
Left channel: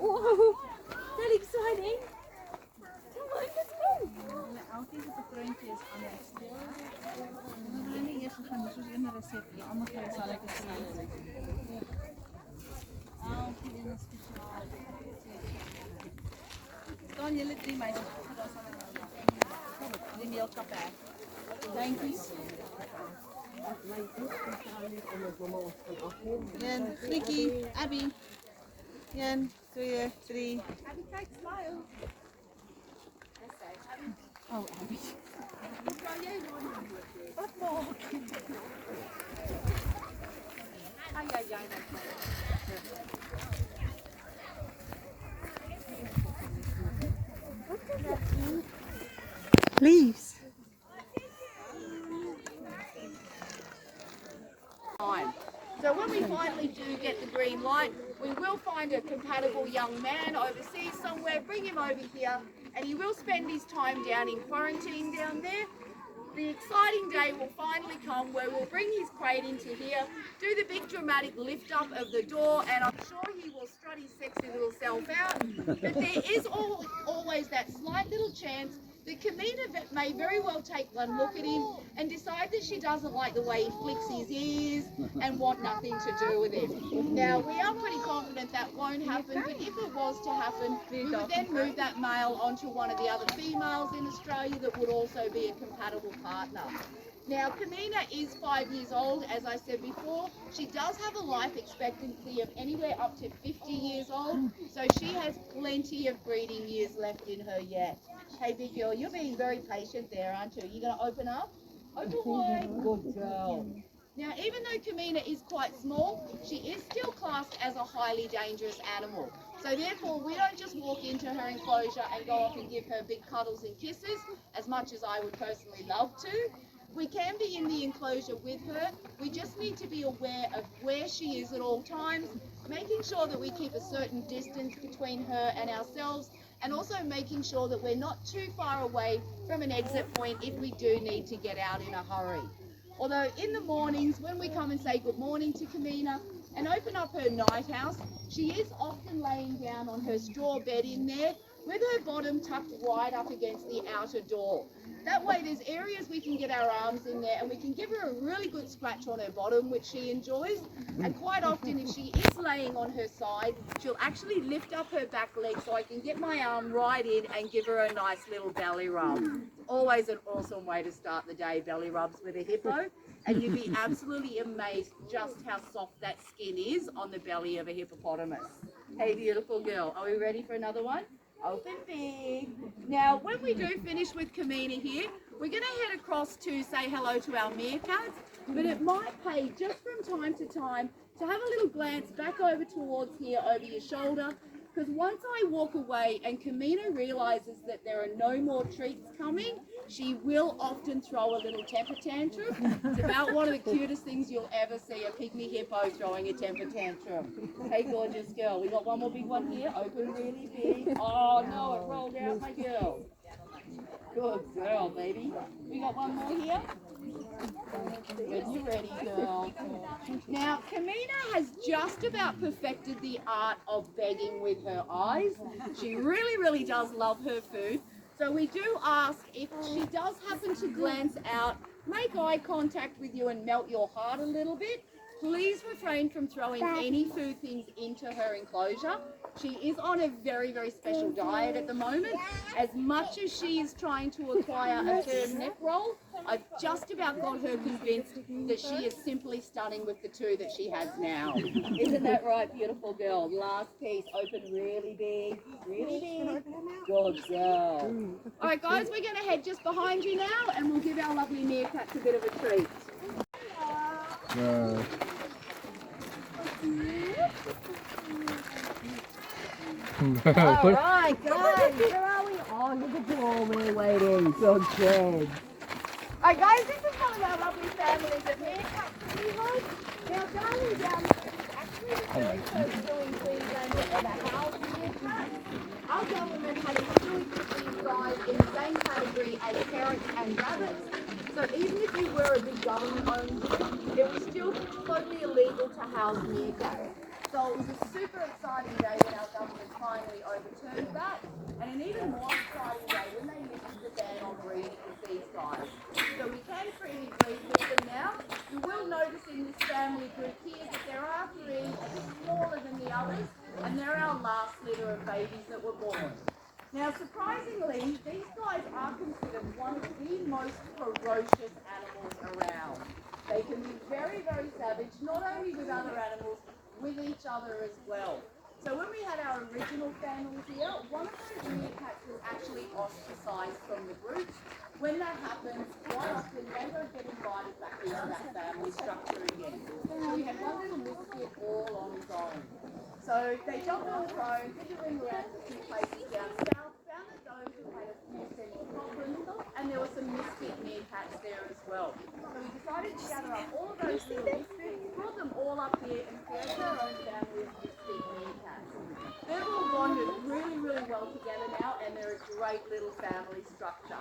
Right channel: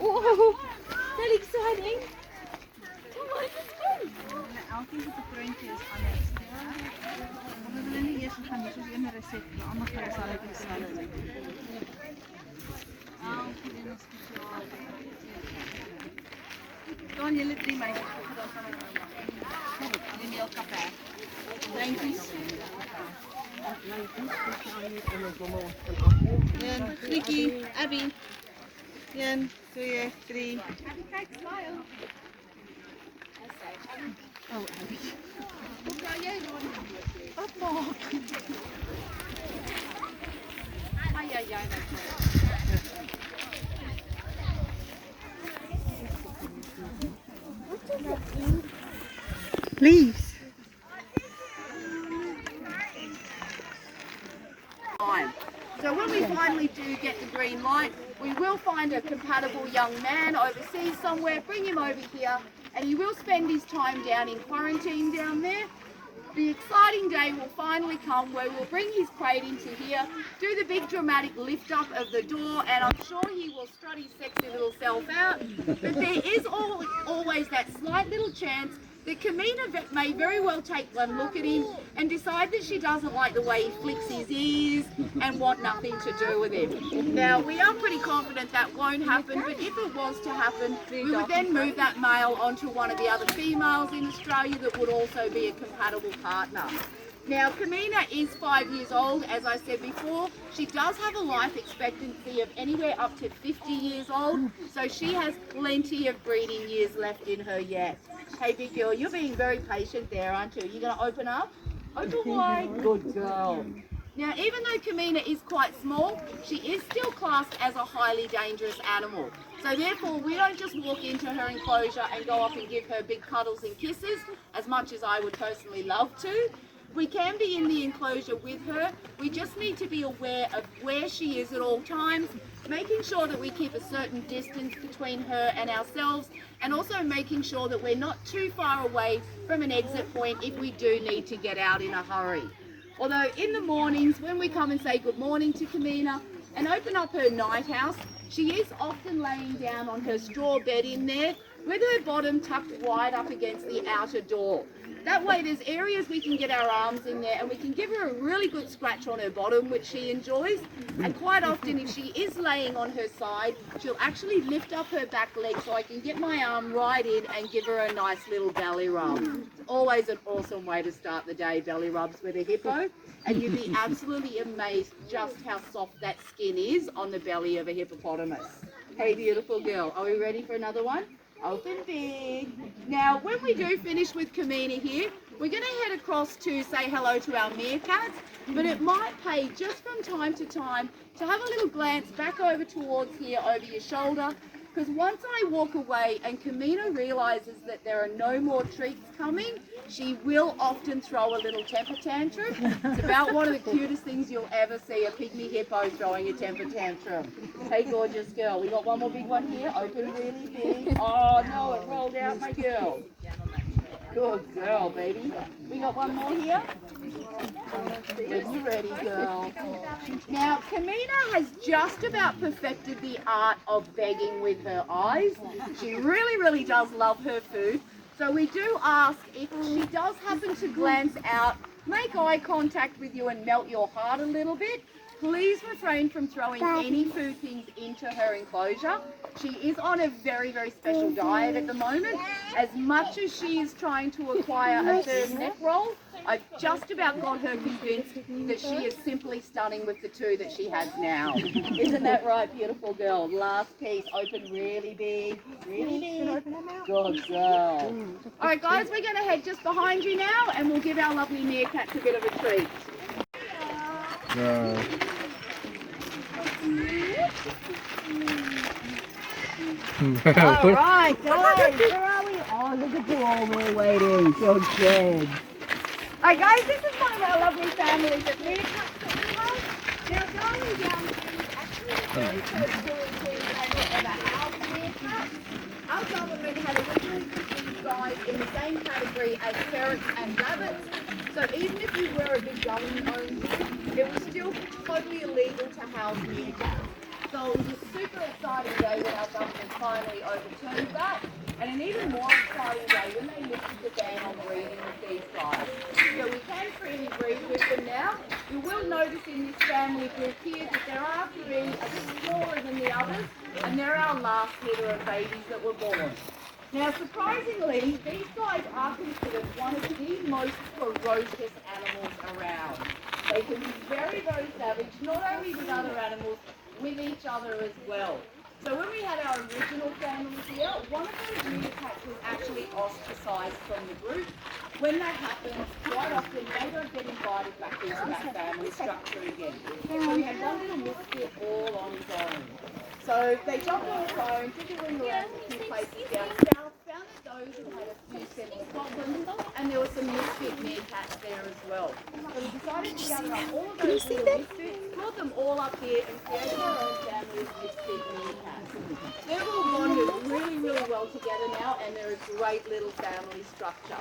Oh, that's exciting. Come on, let's go. Elke het 'n prentjie is anders. Ja. Ons gaan nie eers gaan soos een resep, maar almal kry sal ek gesien. Elke een is spesiaal. Staan julle 3 meisies vir daar sal hulle. Die meelkap hè. Dankies. En Grietjie, Abby. 1, 2, 3. Abby, kyk, smile. Leaves. So when we finally do get the green light, we will find a compatible young man overseas somewhere, bring him over here, and he will spend his time down in quarantine down there. The exciting day will finally come where we'll bring his crate into here, do the big dramatic lift up of the door, and I'm sure he will strut his sexy little self out. But there is always that slight little chance that Kamina may very well take one look at him and decide that she doesn't like the way he flicks his ears and want nothing to do with him. Now, we are pretty confident that won't happen, but if it was to happen, we would then move that male onto one of the other females in Australia that would also be a compatible partner. Now, Kamina is 5 years old, as I said before. She does have a life expectancy of anywhere up to 50 years old, so she has plenty of breeding years left in her yet. Hey, big girl, you're being very patient there, aren't you? You're going to open up? Open wide. Good girl. Now, even though Kamina is quite small, she is still classed as a highly dangerous animal. So therefore, we don't just walk into her enclosure and go up and give her big cuddles and kisses, as much as I would personally love to. We can be in the enclosure with her. We just need to be aware of where she is at all times, making sure that we keep a certain distance between her and ourselves, and also making sure that we're not too far away from an exit point if we do need to get out in a hurry. Although in the mornings, when we come and say good morning to Kamina and open up her night house, she is often laying down on her straw bed in there with her bottom tucked wide up against the outer door. That way there's areas we can get our arms in there and we can give her a really good scratch on her bottom, which she enjoys. And quite often if she is laying on her side, she'll actually lift up her back leg so I can get my arm right in and give her a nice little belly rub. It's always an awesome way to start the day, belly rubs with a hippo. And you'd be absolutely amazed just how soft that skin is on the belly of a hippopotamus. Hey, beautiful girl, are we ready for another one? Open big. Now, when we do finish with Kamina here, we're going to head across to say hello to our meerkats, but it might pay just from time to time to have a little glance back over towards here over your shoulder, because once I walk away and Kamina realizes that there are no more treats coming, she will often throw a little temper tantrum. It's about one of the cutest things you'll ever see, a pygmy hippo throwing a temper tantrum. Hey, gorgeous girl, we got one more big one here, open really big. Oh no, it rolled out, my girl. Good girl, baby. We got one more here. When you're ready, girl. Now, Kamina has just about perfected the art of begging with her eyes. She really, really does love her food. So we do ask, if she does happen to glance out, make eye contact with you and melt your heart a little bit, please refrain from throwing any food things into her enclosure. She is on a very, very special diet at the moment. As much as she is trying to acquire a third neck roll, I've just about got her convinced that she is simply stunning with the two that she has now. Isn't that right, beautiful girl? Last piece, open really big, really big. Good girl. All right, guys, we're going to head just behind you now, and we'll give our lovely meerkats a bit of a treat. No. All right, guys, where are we? Oh, look at you all, we're waiting. So good. All right, guys, this is one of our lovely families of meerkats. Now, Darling Downs Zoo actually the very first zoo in Queensland to ever house meerkats. Our government has originally put these guys in the same category as ferrets and rabbits. So even if you were a big government-owned zoo, it was still totally illegal to house meerkats. So it was a super exciting day when our government finally overturned that, and an even more exciting day when they lifted the ban on breeding with these guys. So we can freely breed with them now. You will notice in this family group here that there are 3 a bit smaller than the others, and they're our last litter of babies that were born. Now, surprisingly, these guys are considered one of the most ferocious animals around. They can be very, very savage, not only with other animals, with each other as well. So when we had our original families here, one of those meerkats was actually ostracized from the group. When that happens, quite often they don't get invited back into that family structure again. So we had one little misfit all on his own. So they jumped on its own, took it in around a few places down south, found that those who had a few sense problems, and there were some misfit meerkats there as well. So we decided to gather up all of those little misfits, brought them all up here and created our own family of misfit meerkats. They've all bonded really, really well together now, and they're a great little family structure.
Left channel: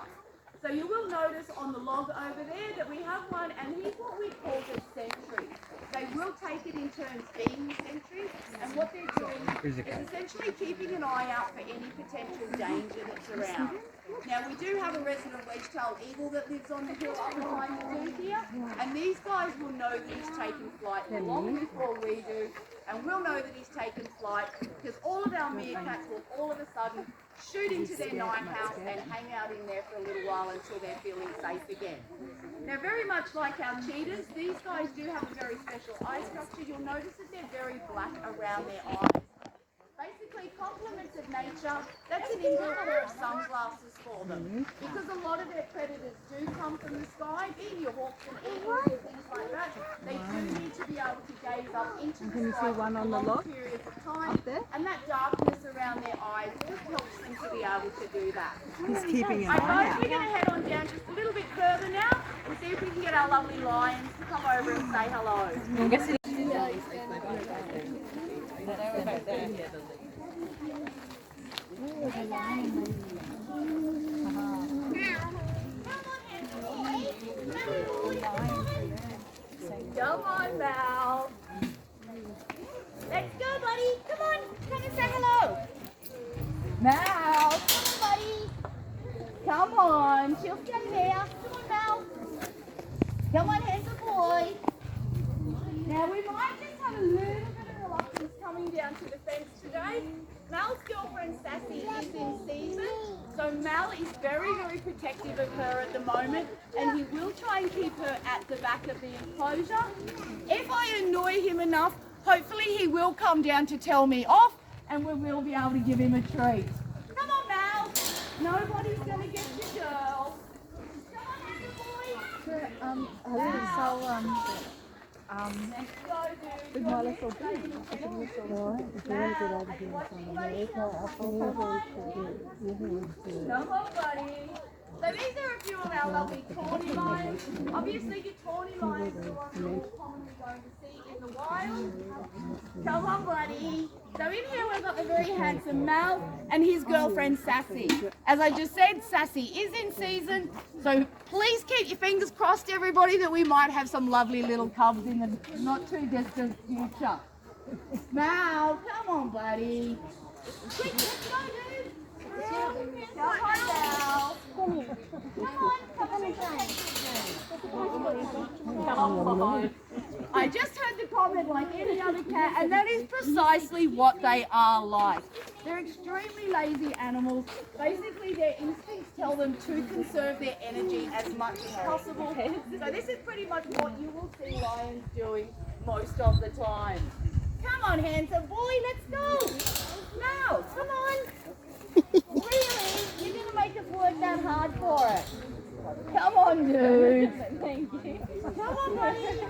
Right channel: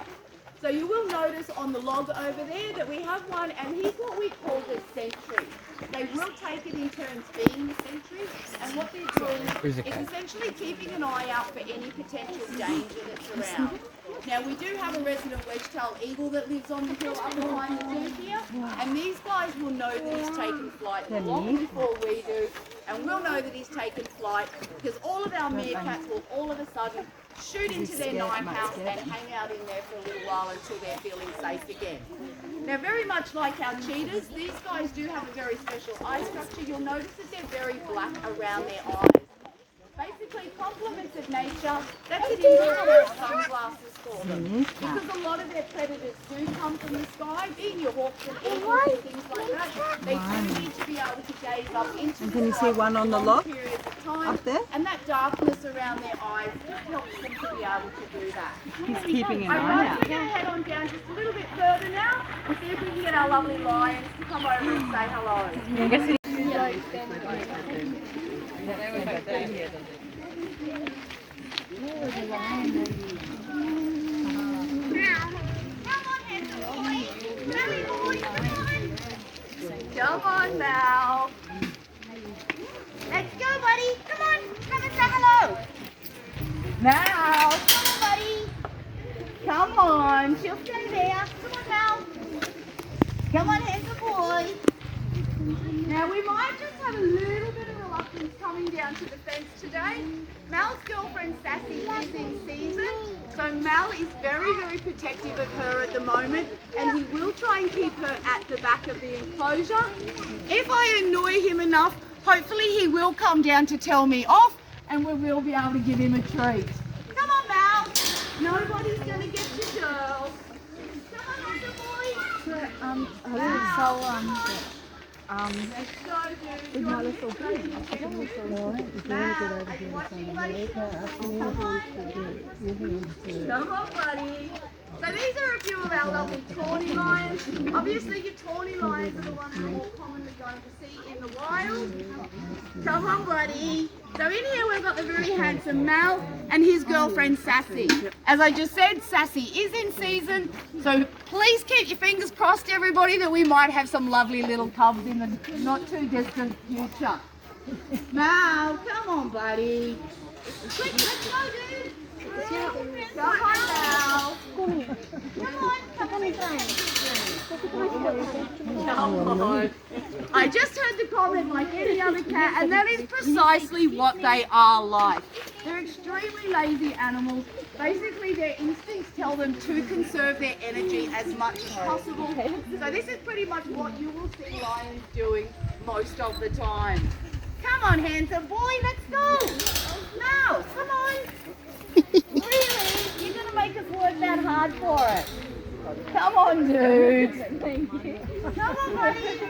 So you will notice on the log over there that we have one, and he's what we call the sentry. They will take it in turns being the sentry, and what they're doing is essentially keeping an eye out for any potential danger that's around. Now we do have a resident wedge-tailed eagle that lives on the hill up behind the zoo here, and these guys will know that he's taken flight long before we do, and we'll know that he's taken flight because all of our meerkats will all of a sudden shoot into their night house and hang out in there for a little while until they're feeling safe again. Now, very much like our cheetahs, these guys do have a very special eye structure. You'll notice that they're very black around their eyes. Basically, complements of nature, that's an indoor pair of sunglasses for them. Because a lot of their predators do come from the sky, being your hawks and eagles and things like that, they do need to be able to gaze up into the Can you see one on the log periods of time, up there? and that darkness around their eyes just helps them to be able to do that. He's keeping an eye Alright, out. we're going to head on down just a little bit further now and see if we can get our lovely lions to come over and say hello. Come on now. Let's go, buddy. Come on. Come and say hello. Mal, come on, buddy. Come on. She'll stay there. Come on, Mal. Come on, handsome boy. Now, we might just have a little bit of reluctance coming down to the fence today. Mal's girlfriend, Sassy, is in season. So Mal is very, very protective of her at the moment, and he will try and keep her at the back of the enclosure. If I annoy him enough, hopefully he will come down to tell me off, and we will be able to give him a treat. Come on, Mal. Nobody's going to get you, girl. Come on, little boy. Mal. Let's go, dude. You want to Come on, buddy. So these are a few of our lovely tawny lions. Obviously, your tawny lions are the ones you're more commonly going to see in the wild. Come on, buddy. So in here we've got the very handsome Mal and his girlfriend Sassy. As I just said, Sassy is in season, so please keep your fingers crossed, everybody, that we might have some lovely little cubs in the not too distant future. Mal, come on, buddy. Quick, let's go, dude. Come on, Mal. Come on. I just heard the comment like any other cat, and that is precisely what they are like. They're extremely lazy animals. Basically, their instincts tell them to conserve their energy as much as possible. So this is pretty much what you will see lions doing most of the time. Come on, handsome boy, let's go. Now, come on. Really? You're going to make us work that hard for it? Come on, dude. Thank you. Come on, buddy.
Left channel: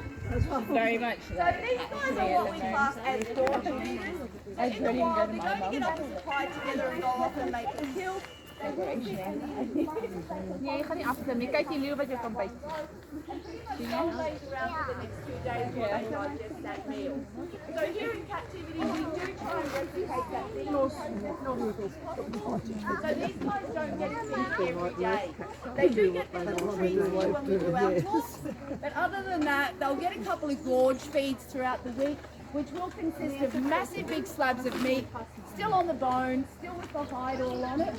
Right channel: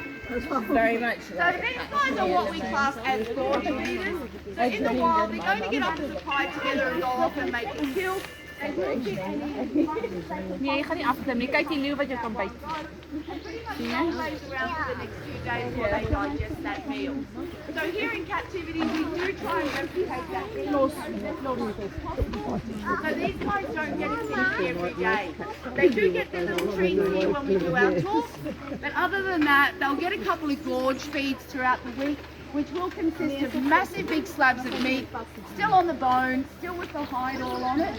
Very much. So these guys are what we class as gorge leaders. So in the wild, they're going to get up as a pride together and go off and make a kill. They will fit any Nee, je gaat niet achter hem. Je kijkt die leeuw wat je kan bijten. pretty much holidays around for the next few days while they digest that meal. So here in captivity, we do try and replicate that meal process as much as possible. So these guys don't get a feed every day. They do get their little treats here when we do our tours, but other than that, they'll get a couple of gorge feeds throughout the week. which will consist of massive big slabs of meat, still on the bone, still with the hide all on it.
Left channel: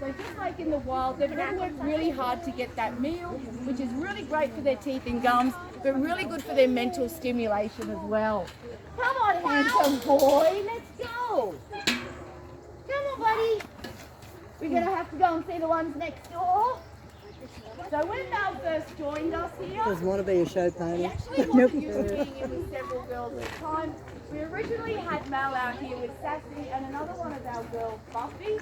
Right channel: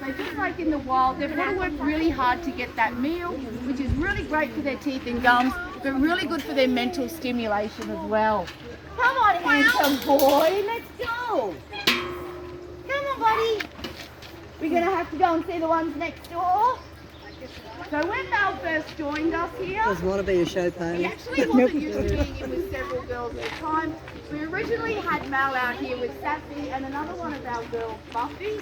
So just like in the wild, they've got to work really hard to get that meal, which is really great for their teeth and gums, but really good for their mental stimulation as well. Come on, handsome boy, let's go. Come on, buddy. We're going to have to go and see the ones next door. So when Mel first joined us here, Doesn't want to be a show he pony. actually wasn't used to being in with several girls at a time. We originally had Mel out here with Sassy and another one of our girls, Buffy.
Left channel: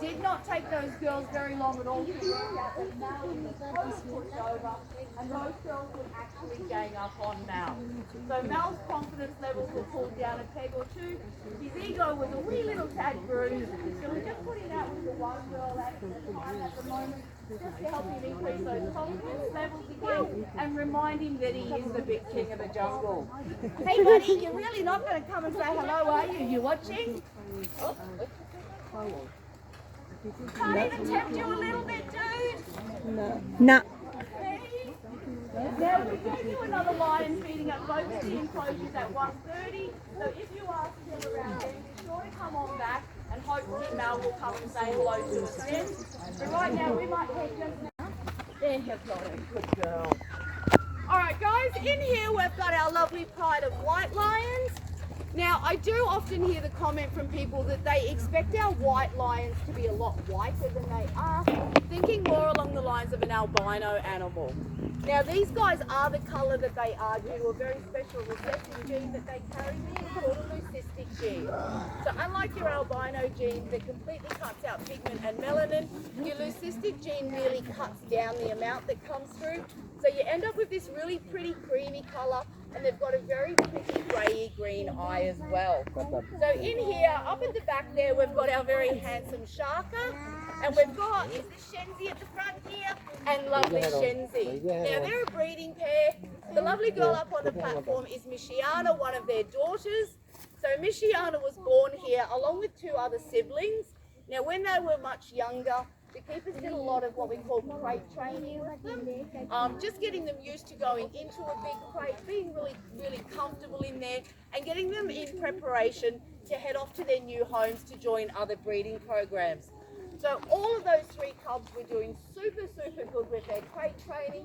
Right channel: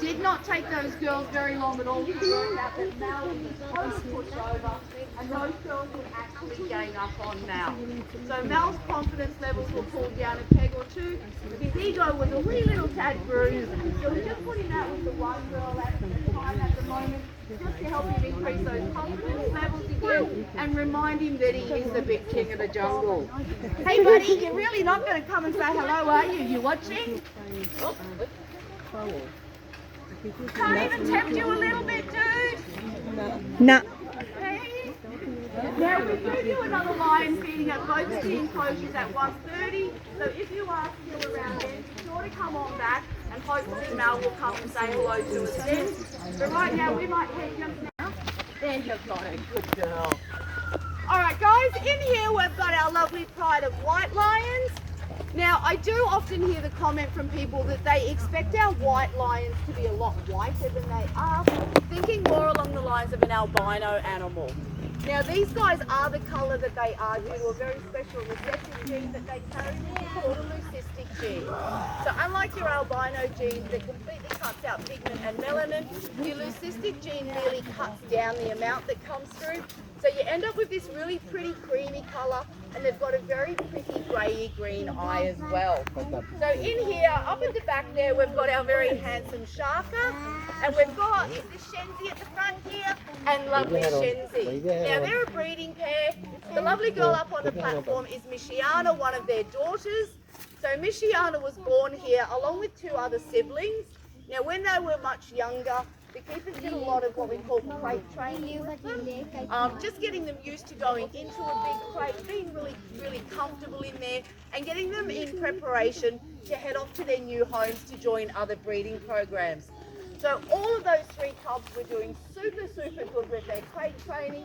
Did not take those girls very long at all to work out that Mel was supposed to push over, and those girls would actually gang up on Mel. So Mel's confidence levels were pulled down a peg or two. His ego was a wee little tad bruised, so we just put him out with the one girl at the time at the moment, just to help him increase those confidence levels again and remind him that he is the big king of the jungle. Hey buddy, you're really not going to come and say hello, are you? You watching? Oh. Can't even tempt you a little bit, dude? Nah. Hey. Now we do another lion feeding at both of the enclosures at 1:30. So if you are still around then, be sure to come on back and hopefully Mel will come and say hello to us then. But right now we might head just now. There you've got it, good girl. Alright guys, in here we've got our lovely pride of white lions. Now I do often hear the comment from people that they expect our white lions to be a lot whiter than they are, thinking more along the lines of an albino animal. Now these guys are the colour that they are due to a very special recessive gene that they carry called a leucistic gene. So unlike your albino gene that completely cuts out pigment and melanin, your leucistic gene really cuts down the amount that comes through. So you end up with this really pretty creamy colour, and they've got a very pretty grey green eye as well. So in here, up at the back there, we've got our very handsome Shaka, and we've got, is this Shenzi at the front here? And lovely Shenzi. Now they're a breeding pair. The lovely girl up on the platform is Mishiana, one of their daughters. So Mishiana was born here along with two other siblings. Now when they were much younger, the keepers did a lot of what we call crate training with them, just getting them used to going into a big crate, being really comfortable in there, and getting them in preparation to head off to their new homes to join other breeding programs. So all of those three cubs were doing super good with their crate training,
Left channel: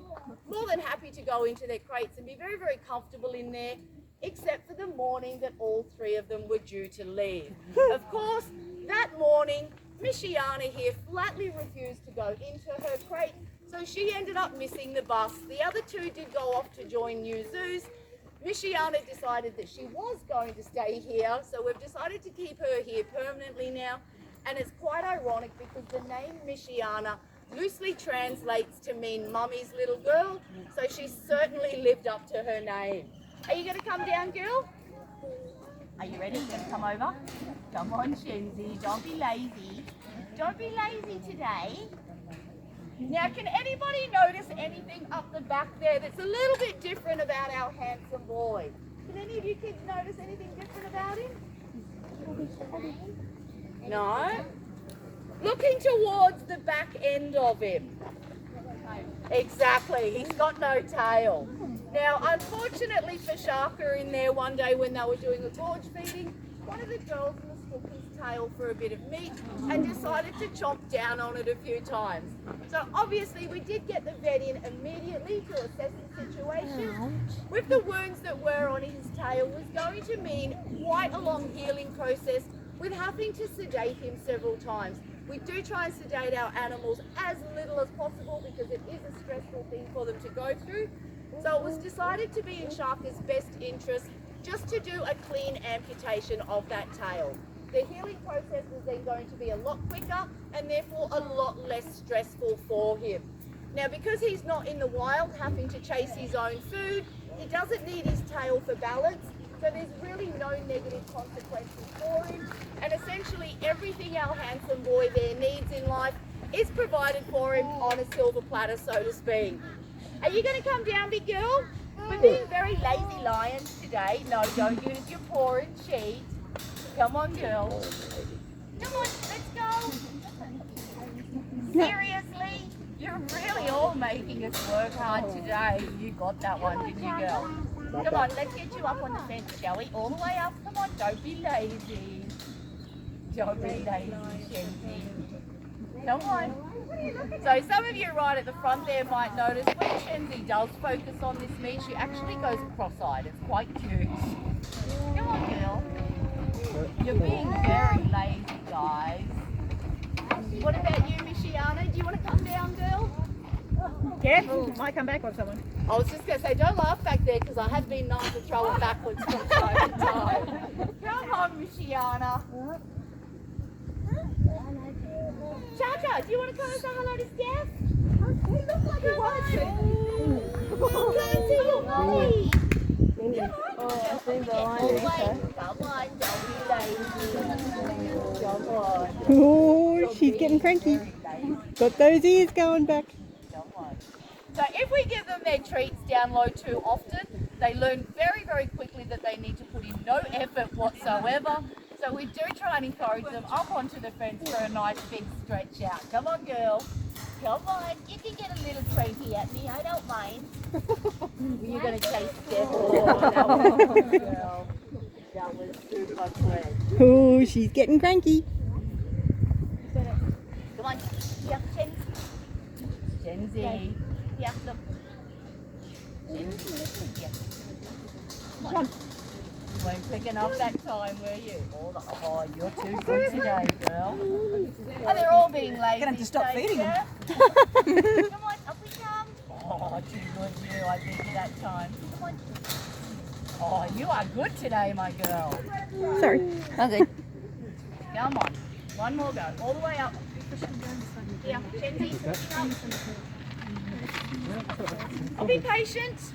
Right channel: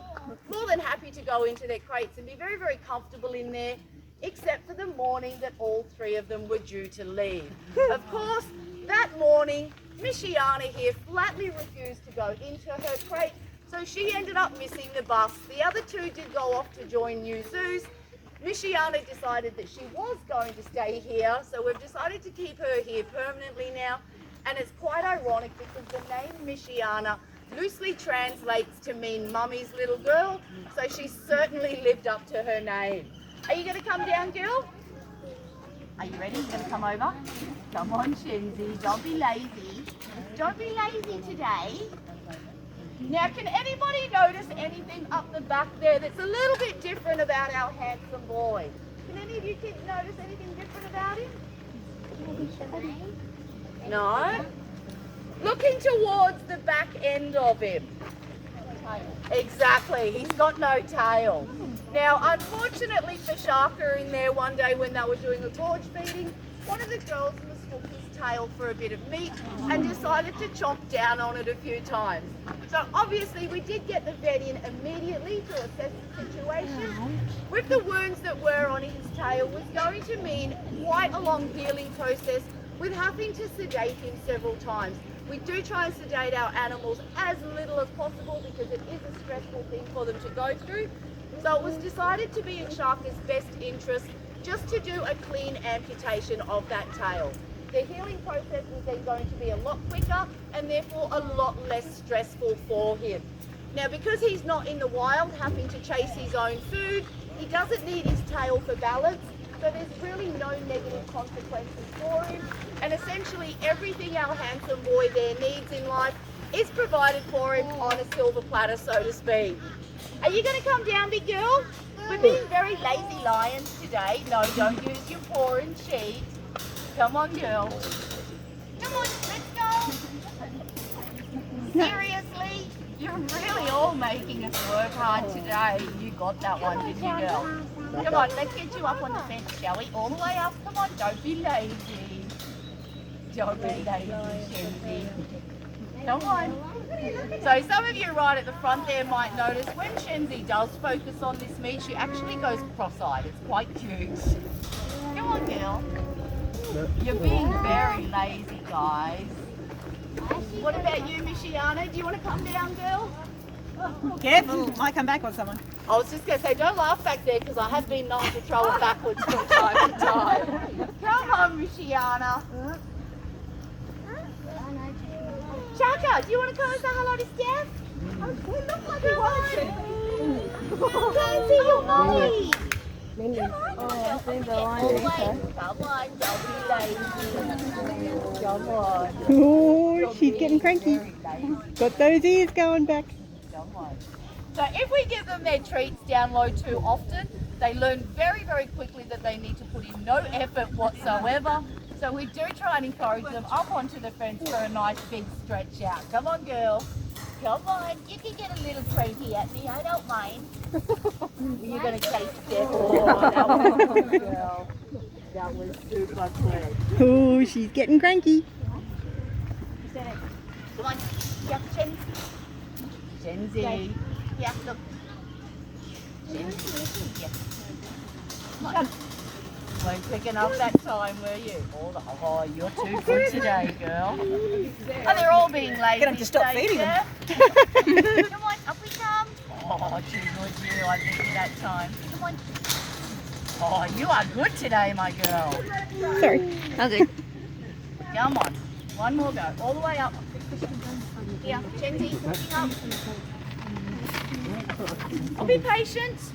more than happy to go into their crates and be very comfortable in there, except for the morning that all three of them were due to leave. Of course, that morning, Mishiana here flatly refused to go into her crate, so she ended up missing the bus. The other two did go off to join new zoos. Mishiana decided that she was going to stay here, so we've decided to keep her here permanently now. And it's quite ironic because the name Mishiana loosely translates to mean mummy's little girl, so she certainly lived up to her name. Are you going to come down, girl? Are you ready? You're going to come over? Come on, Shenzi. Don't be lazy. Don't be lazy today. Now, can anybody notice anything up the back there that's a little bit different about our handsome boy? Can any of you kids notice anything different about him? No? Looking towards the back end of him. Exactly, he's got no tail. Now, unfortunately for Shaka in there one day when they were doing a gorge feeding, one of the girls mistook his tail for a bit of meat and decided to chomp down on it a few times. So obviously we did get the vet in immediately to assess the situation. With the wounds that were on his tail was going to mean quite a long healing process with having to sedate him several times. We do try and sedate our animals as little as possible because it is a stressful thing for them to go through. So it was decided to be in Shaka's best interest just to do a clean amputation of that tail. The healing process was then going to be a lot quicker and therefore a lot less stressful for him. Now because he's not in the wild having to chase his own food, he doesn't need his tail for balance. So there's really no negative consequences for him, and essentially everything our handsome boy there needs in life is provided for him on a silver platter, so to speak. Are you going to come down, big girl? We're being very lazy lions today. No, don't use your paw and cheat. Come on, girl. Come on, let's go. Seriously? You're really all making us work hard today. You got that one, didn't you, girl? Come on, let's get you up on the fence, shall we? All the way up. Come on, don't be lazy. Don't be lazy, Shenzi. Come on. So some of you right at the front there might notice when Shenzi does focus on this meat, she actually goes cross-eyed. It's quite cute. Come on, girl. You're being very lazy, guys. What about you, Michiana? Do you want to come down, girl? Careful, might come back on someone. I was just going to say, don't laugh back there because I have been known to throw it backwards from time to time. Come on, Michiana. Chaka, do you want to come and say hello to Steph? Oh, it looks like he wants to. Can't see your mommy. Come on, don't be lazy. Come on. Oh, she's getting cranky. Got those ears going back. Come on. So if we give them their treats down low too often, they learn very, very quickly that they need to put in no effort whatsoever. So we do try and encourage them up onto the fence for a nice big stretch out. Come on, girl. Come on. You can get a little cranky at me. I don't mind. You're going to chase Steph. Oh, that was good, girl. That was super quick. Oh, she's getting cranky. Come on. Yeah, Shenzi. Yeah, look. Shenzi. Yeah. Come on. Weren't picking up that time, were you? Oh, you're too good today, girl. Oh, they're all being lazy. Get them to stop feeding them. Come on, up we come. Oh, too good you. I beat you that time. Come on. Oh, you are good today, my girl. Sorry. Okay. Come on. One more go. All the way up. Yeah, Shenzi's pushing up. I'll be patient.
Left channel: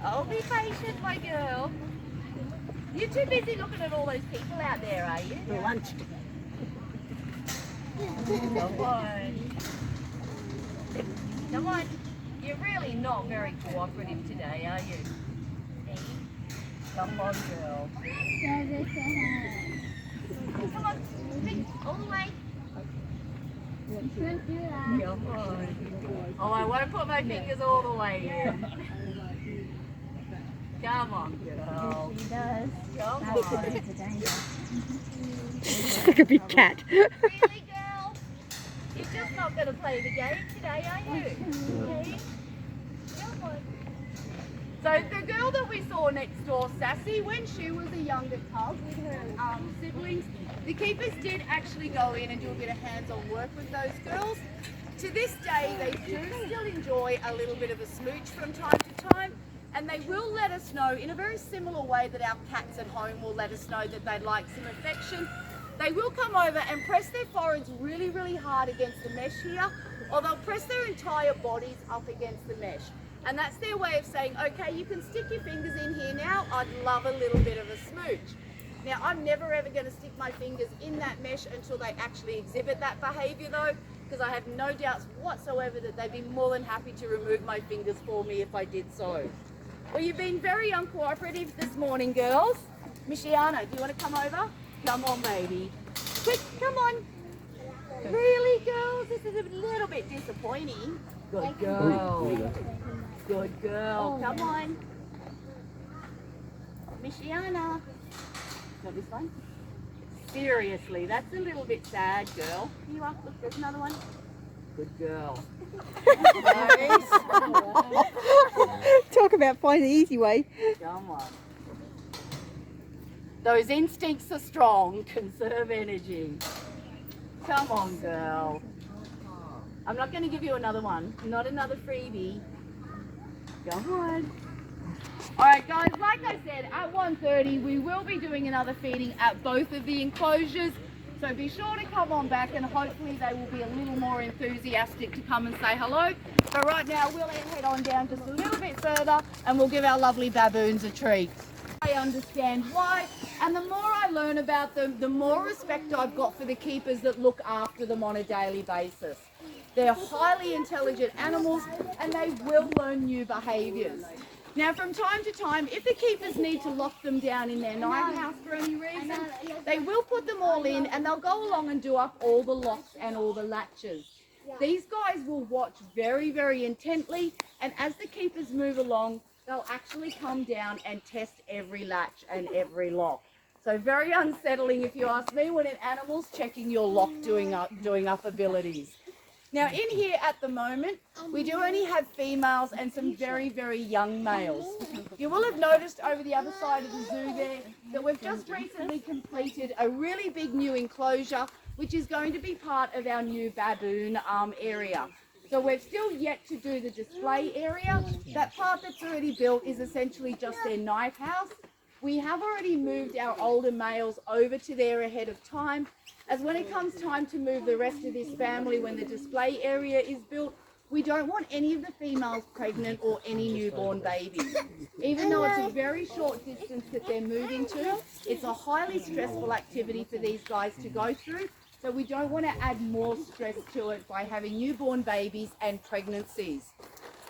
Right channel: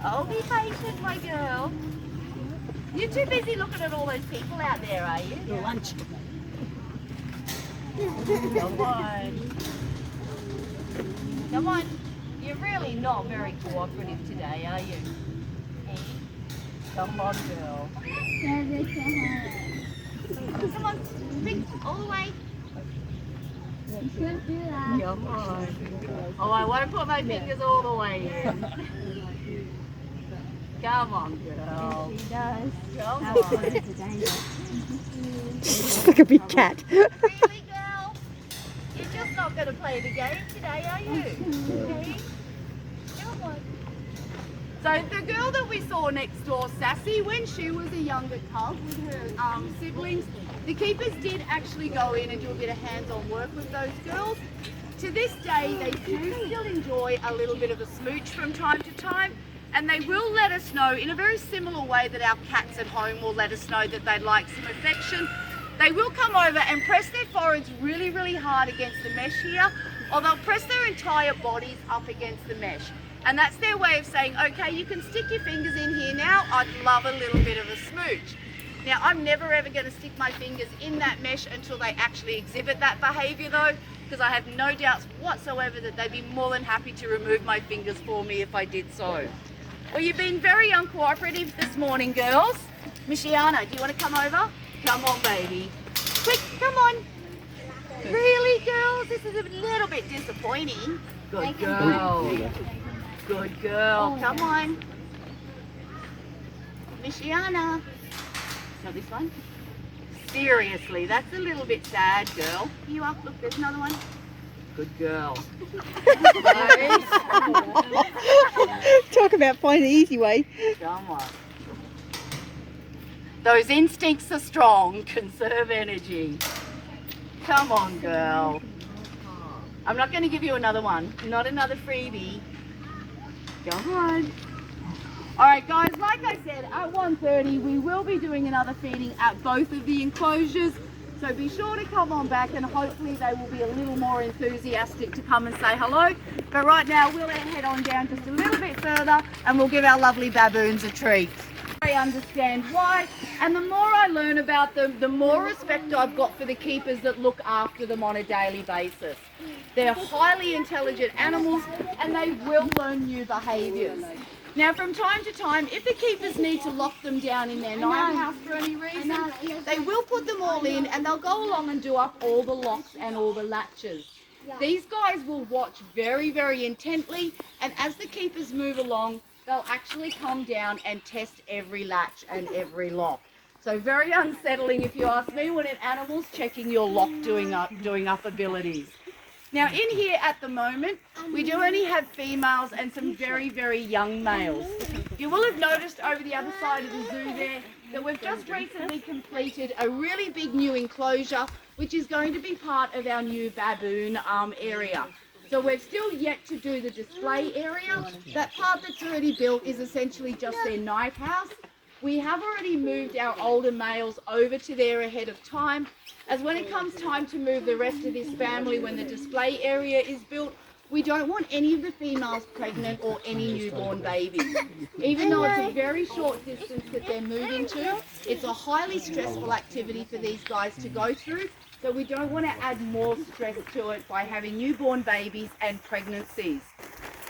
I'll be patient, my girl. You're too busy looking at all those people out there, are you? For lunch. Come on. Come on. You're really not very cooperative today, are you? Hey. Come on, girl. Come on. Quick, all the way. Come on. Oh, I want to put my fingers all the way in. Come on, girl. She does. Come on. It's like a big cat. Really, girl? You're just not going to play the game today, are you? Okay. Come on. So the girl that we saw next door, Sassy, when she was a younger cub with her siblings, the keepers did actually go in and do a bit of hands-on work with those girls. To this day, they do still enjoy a little bit of a smooch from time to time. And they will let us know in a very similar way that our cats at home will let us know that they'd like some affection. They will come over and press their foreheads really, really hard against the mesh here, or they'll press their entire bodies up against the mesh. And that's their way of saying, okay, you can stick your fingers in here now. I'd love a little bit of a smooch. Now, I'm never ever going to stick my fingers in that mesh until they actually exhibit that behavior though, because I have no doubts whatsoever that they'd be more than happy to remove my fingers for me if I did so. Well, you've been very uncooperative this morning, girls. Michiana, do you want to come over? Come on, baby. Quick, come on. Really, girls? This is a little bit disappointing. Good girl. Good girl. Come on. Michiana. Not this one? Seriously, that's a little bit sad, girl. You up. Look, there's another one. Good girl. Talk about find the easy way. Come on. Those instincts are strong. Conserve energy. Come on, girl. I'm not going to give you another one. Not another freebie. Come on. All right, guys, like I said, at 1:30, we will be doing another feeding at both of the enclosures. So be sure to come on back and hopefully they will be a little more enthusiastic to come and say hello. But right now, we'll head on down just a little bit further and we'll give our lovely baboons a treat. I understand why, and the more I learn about them, the more respect I've got for the keepers that look after them on a daily basis. They're highly intelligent animals and they will learn new behaviours. Now, from time to time, if the keepers need to lock them down in their night house for any reason, they will put them all in and they'll go along and do up all the locks and all the latches. These guys will watch very, very intently, and as the keepers move along, they'll actually come down and test every latch and every lock. So very unsettling, if you ask me, when an animal's checking your lock doing up abilities. Now in here at the moment, we do only have females and some very, very young males. You will have noticed over the other side of the zoo there that we've just recently completed a really big new enclosure, which is going to be part of our new baboon area. So we've still yet to do the display area. That part that's already built is essentially just their night house. We have already moved our older males over to there ahead of time, as when it comes time to move the rest of this family when the display area is built, we don't want any of the females pregnant or any newborn babies. Even though it's a very short distance that they're moving to, it's a highly stressful activity for these guys to go through, so we don't want to add more stress to it by having newborn babies and pregnancies.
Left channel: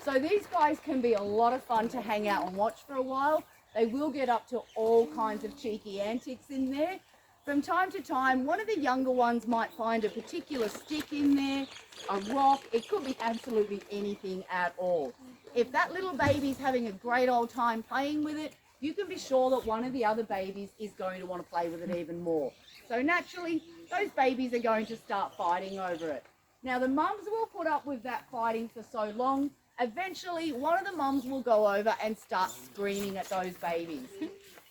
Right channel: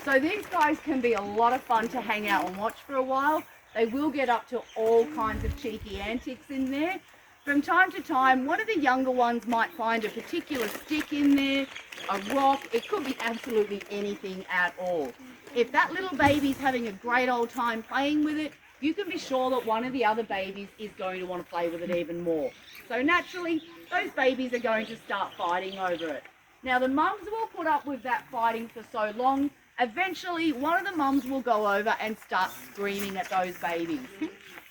So these guys can be a lot of fun to hang out and watch for a while. They will get up to all kinds of cheeky antics in there. From time to time, one of the younger ones might find a particular stick in there, a rock. It could be absolutely anything at all. If that little baby's having a great old time playing with it, you can be sure that one of the other babies is going to want to play with it even more. So naturally, those babies are going to start fighting over it. Now the mums will put up with that fighting for so long, eventually one of the mums will go over and start screaming at those babies.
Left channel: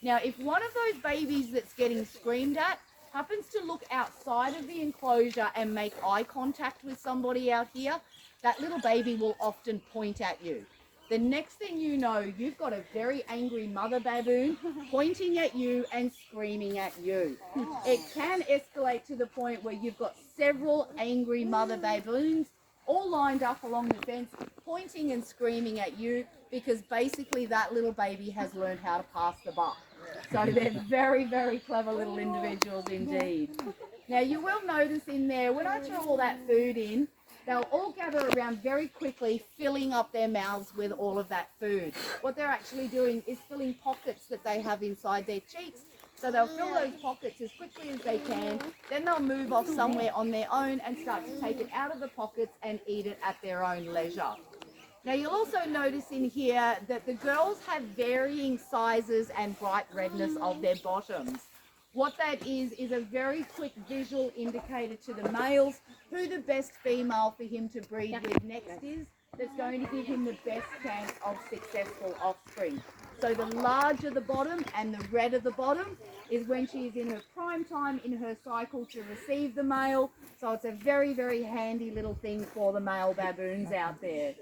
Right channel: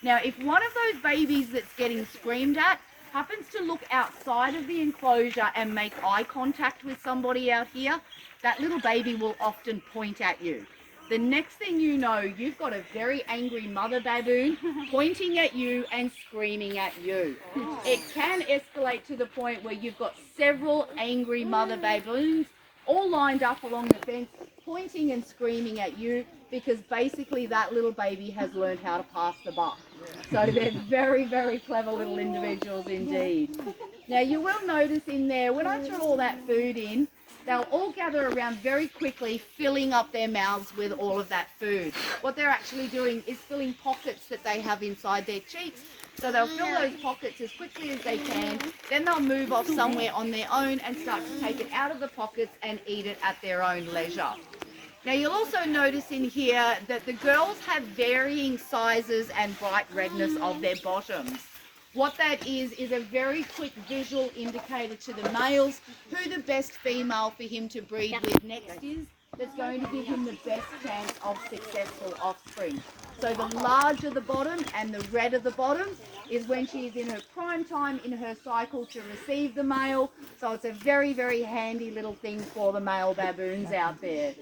Now, if one of those babies that's getting screamed at happens to look outside of the enclosure and make eye contact with somebody out here, that little baby will often point at you. The next thing you know, you've got a very angry mother baboon pointing at you and screaming at you. It can escalate to the point where you've got several angry mother baboons all lined up along the fence, pointing and screaming at you, because basically that little baby has learned how to pass the buck. So they're very, very clever little individuals indeed. Now you will notice in there, when I throw all that food in, they'll all gather around very quickly, filling up their mouths with all of that food. What they're actually doing is filling pockets that they have inside their cheeks. So they'll fill those pockets as quickly as they can, then they'll move off somewhere on their own and start to take it out of the pockets and eat it at their own leisure. Now you'll also notice in here that the girls have varying sizes and bright redness of their bottoms. What that is a very quick visual indicator to the males who the best female for him to breed with next is, that's going to give him the best chance of successful offspring. So the larger the bottom and the redder the bottom is when she is in her prime time in her cycle to receive the male. So it's a very, very handy little thing for the male baboons out there.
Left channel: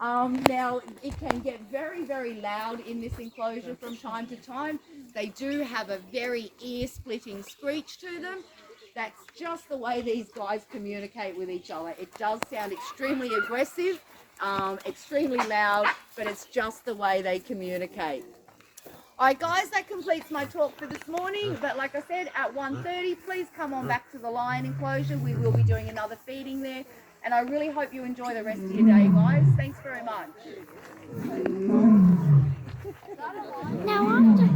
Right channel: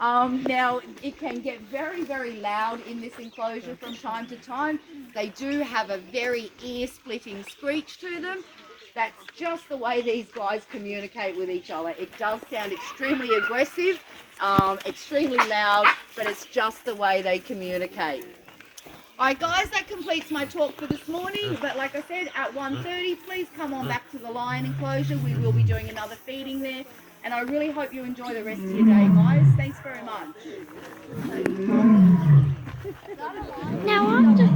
Now, it can get very, very loud in this enclosure from time to time. They do have a very ear-splitting screech to them. That's just the way these guys communicate with each other. It does sound extremely aggressive, extremely loud, but it's just the way they communicate. Alright guys, that completes my talk for this morning, but like I said, at 1:30, please come on back to the lion enclosure. We will be doing another feeding there, and I really hope you enjoy the rest of your day, guys. Thanks very much. Now I'm just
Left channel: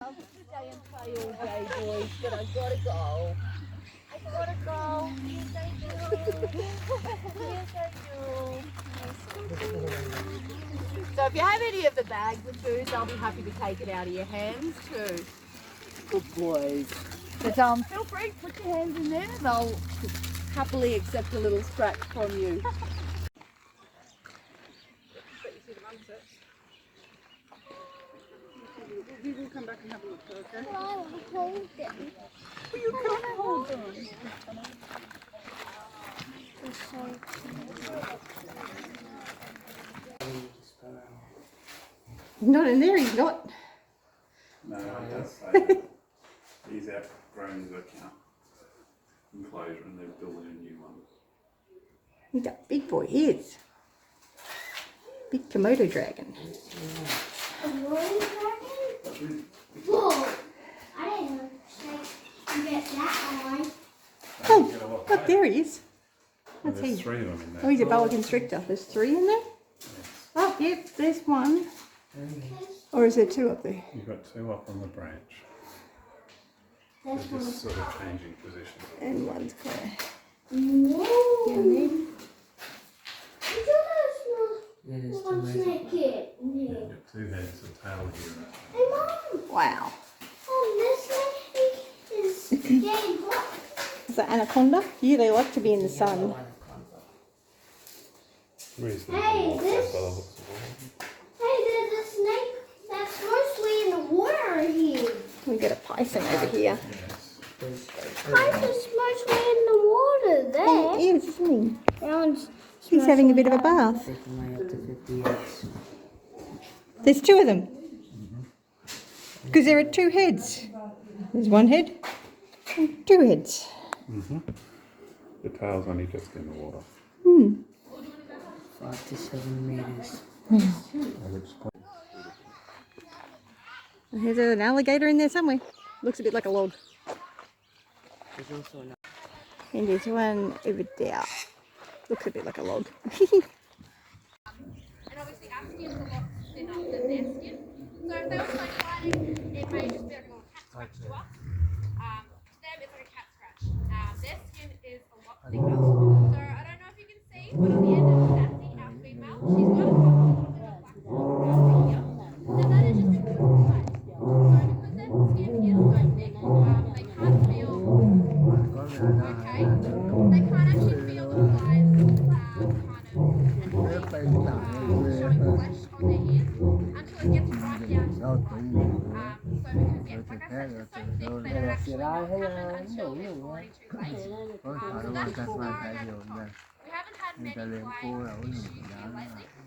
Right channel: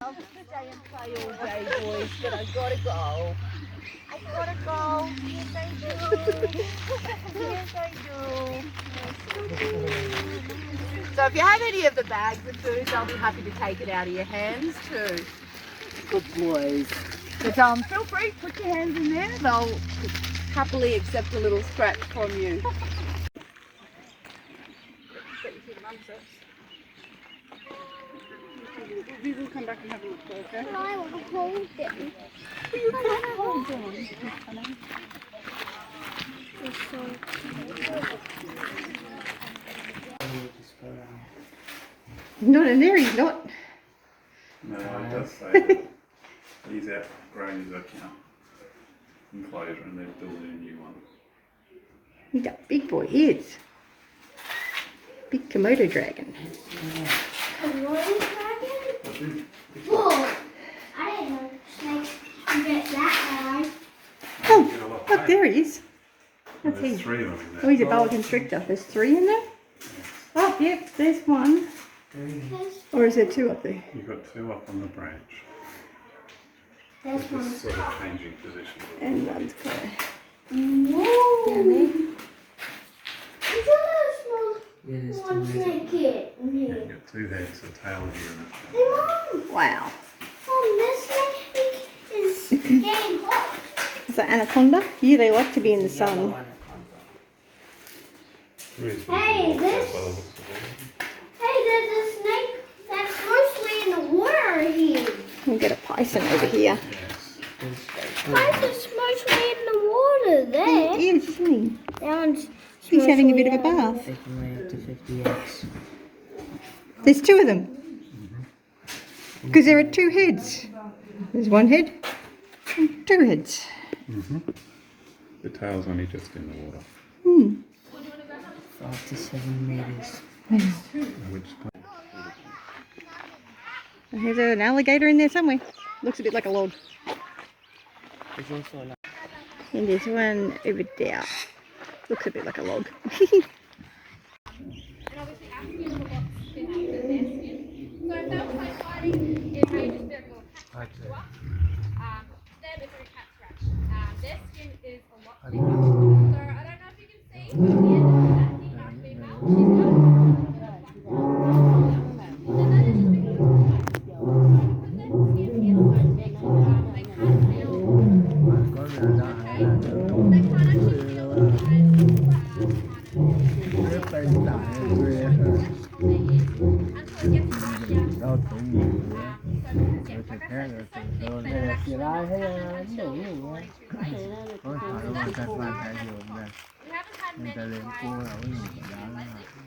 I'll stay and play all day, boys, but I've got to go. I gotta go. Yes, I do. Yes, I do. So if you have any of the bags of food, I'll be happy to take it out of your hands too. Good boys. But feel free, put your hands in there. They'll happily accept a little scratch from you. We will come back and have a look, okay? I want to hold them. You can't hold on. It's so Not in there, he's not. No, it does say he's outgrown his account enclosure and they're building a new one. He's a big boy, he is. Big Komodo dragon. a rolling dragon? Whoa! I didn't know you get that high. Oh, look, there he is. What's There's he? 3 of them in there. Oh, he's a boa constrictor. There's 3 in there? Oh, yep, there's 1. Or is there 2 up there? You've got 2 up on the branch. There's They're one. just sort of changing position. And 1's clear. Whoa! Down there. It's a little small one snake here. Yeah, you've got 2 heads, a tail here and a Hey, Mom! Wow. This thing is getting hot. Is that anaconda? Yeah, they like to be in the sun. Hey, there's a snake that's mostly in the water here. We get a python over here. Why is this mostly in the water there? He is, isn't he? That one's He's having a bit of a bath. They can lay up to 50 eggs. There's 2 of them. Because there are 2 heads. There's 1 head and 2 heads. The tail's only just in the water. 5 to 7 meters. Which There's an alligator in there somewhere. Looks a bit like a log. There's also an And there's one over there. Looks a bit like a log. And obviously our skin is a lot thinner than their skin. So if they were like fighting, it may just do a little cat scratch to us. Them it's like a cat scratch. Their skin is a lot thicker. So I don't know if you can see, but on the end of the sassy, our female, she's got a black spot on her shoulder. And that is just because of the black. So because their skin is so thick, they can't feel. Okay. They can't actually feel the size until it gets right down to the bone. So because, like I said, they're so thick, they don't actually have that chill before it's too late. So that's what we haven't had many flies lately,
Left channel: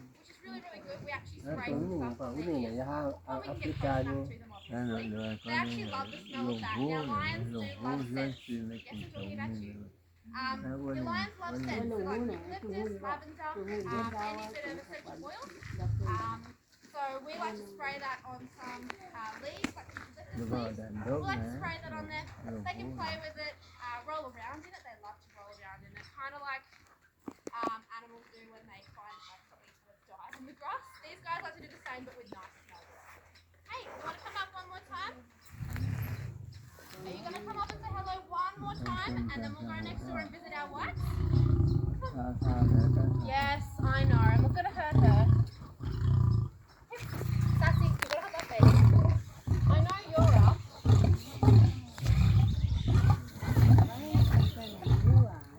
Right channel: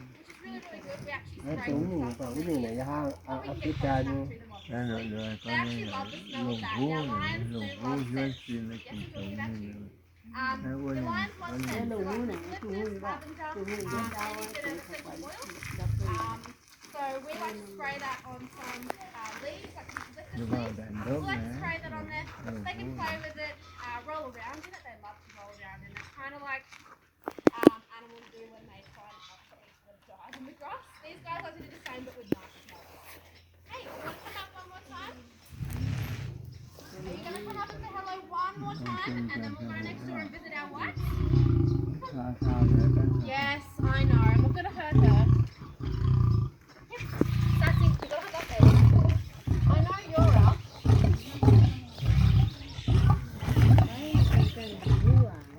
which is really, really good. We actually spray some stuff on them so we can get contact to them off easily. They actually love the smell of that. Now lions do love scent. Yes, we will give that to you. The lions love scent, so like eucalyptus, lavender, anything that ever essential oils. So we like to spray that on some leaves, like eucalyptus leaves. We like to spray that on there. They can play with it, roll around in it. They love to roll around in it. Kind of like animals do when they find something sort of died in the grass. These guys like to do the same but with nice smells. Hey, you want to come up one more time? Are you going to come up and say hello one more time and then we'll go next door and visit our wife? Yes, I know. I'm not going to hurt her. Sassy, you've got to have that baby. I know you're up.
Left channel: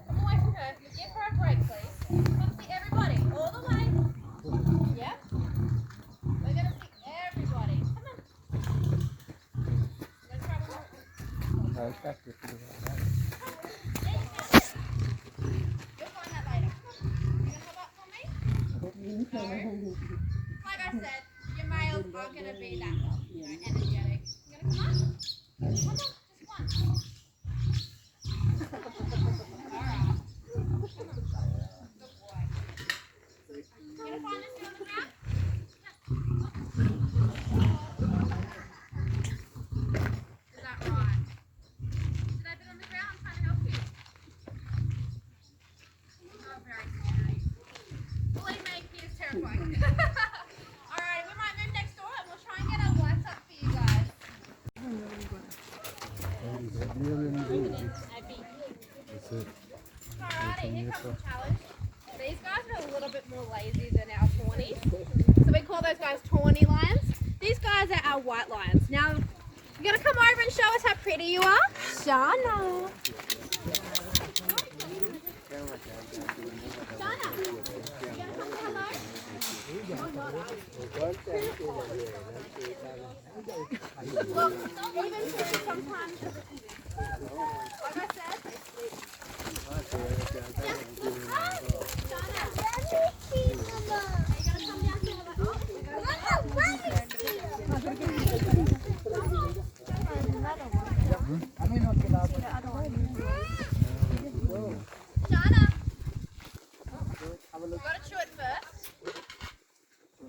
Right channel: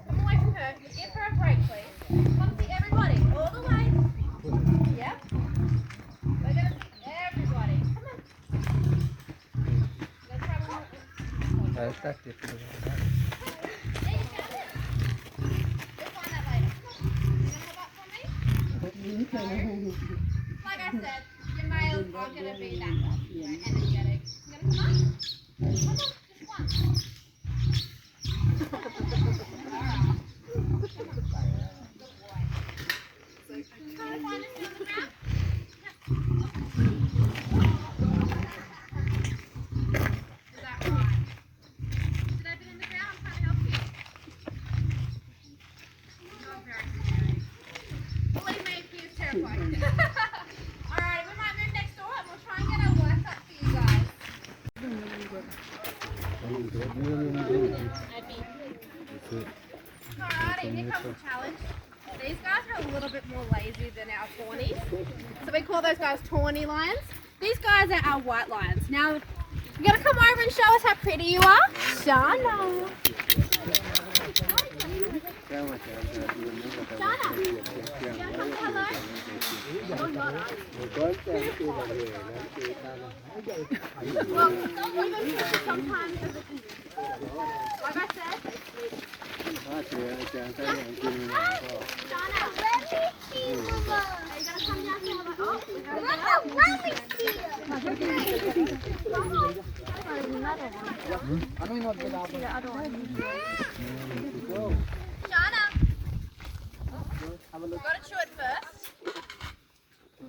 Come away from her. Give her a break, please. Come see everybody. All the way. Yep. We're going to see everybody. Come on. Let's try one more. There you go. We'll find that later. You gonna hold up for me? No. Like I said, your males are gonna be that, energetic. You gonna come on? Come on, just once. Alright. Come on. Good boy. You gonna find this on the ground? Is that right? Should I be on the ground? I'm trying to help you. Not very scary. Believe me, he is terrifying. Alright, we might move next door and we'll try and get our work up for you guys. Alrighty, here comes the challenge. These guys are a little bit more lazy than our tawnies. So we call those guys tawny lions. These guys are our white lions. Now, you gotta come over and show us how pretty you are. Shana. Shana, you wanna come say hello? Well, even people sometimes, like I said, they sleep. Shana, are you gonna come down here? Oh, we're gonna Shana, gotta chew it first.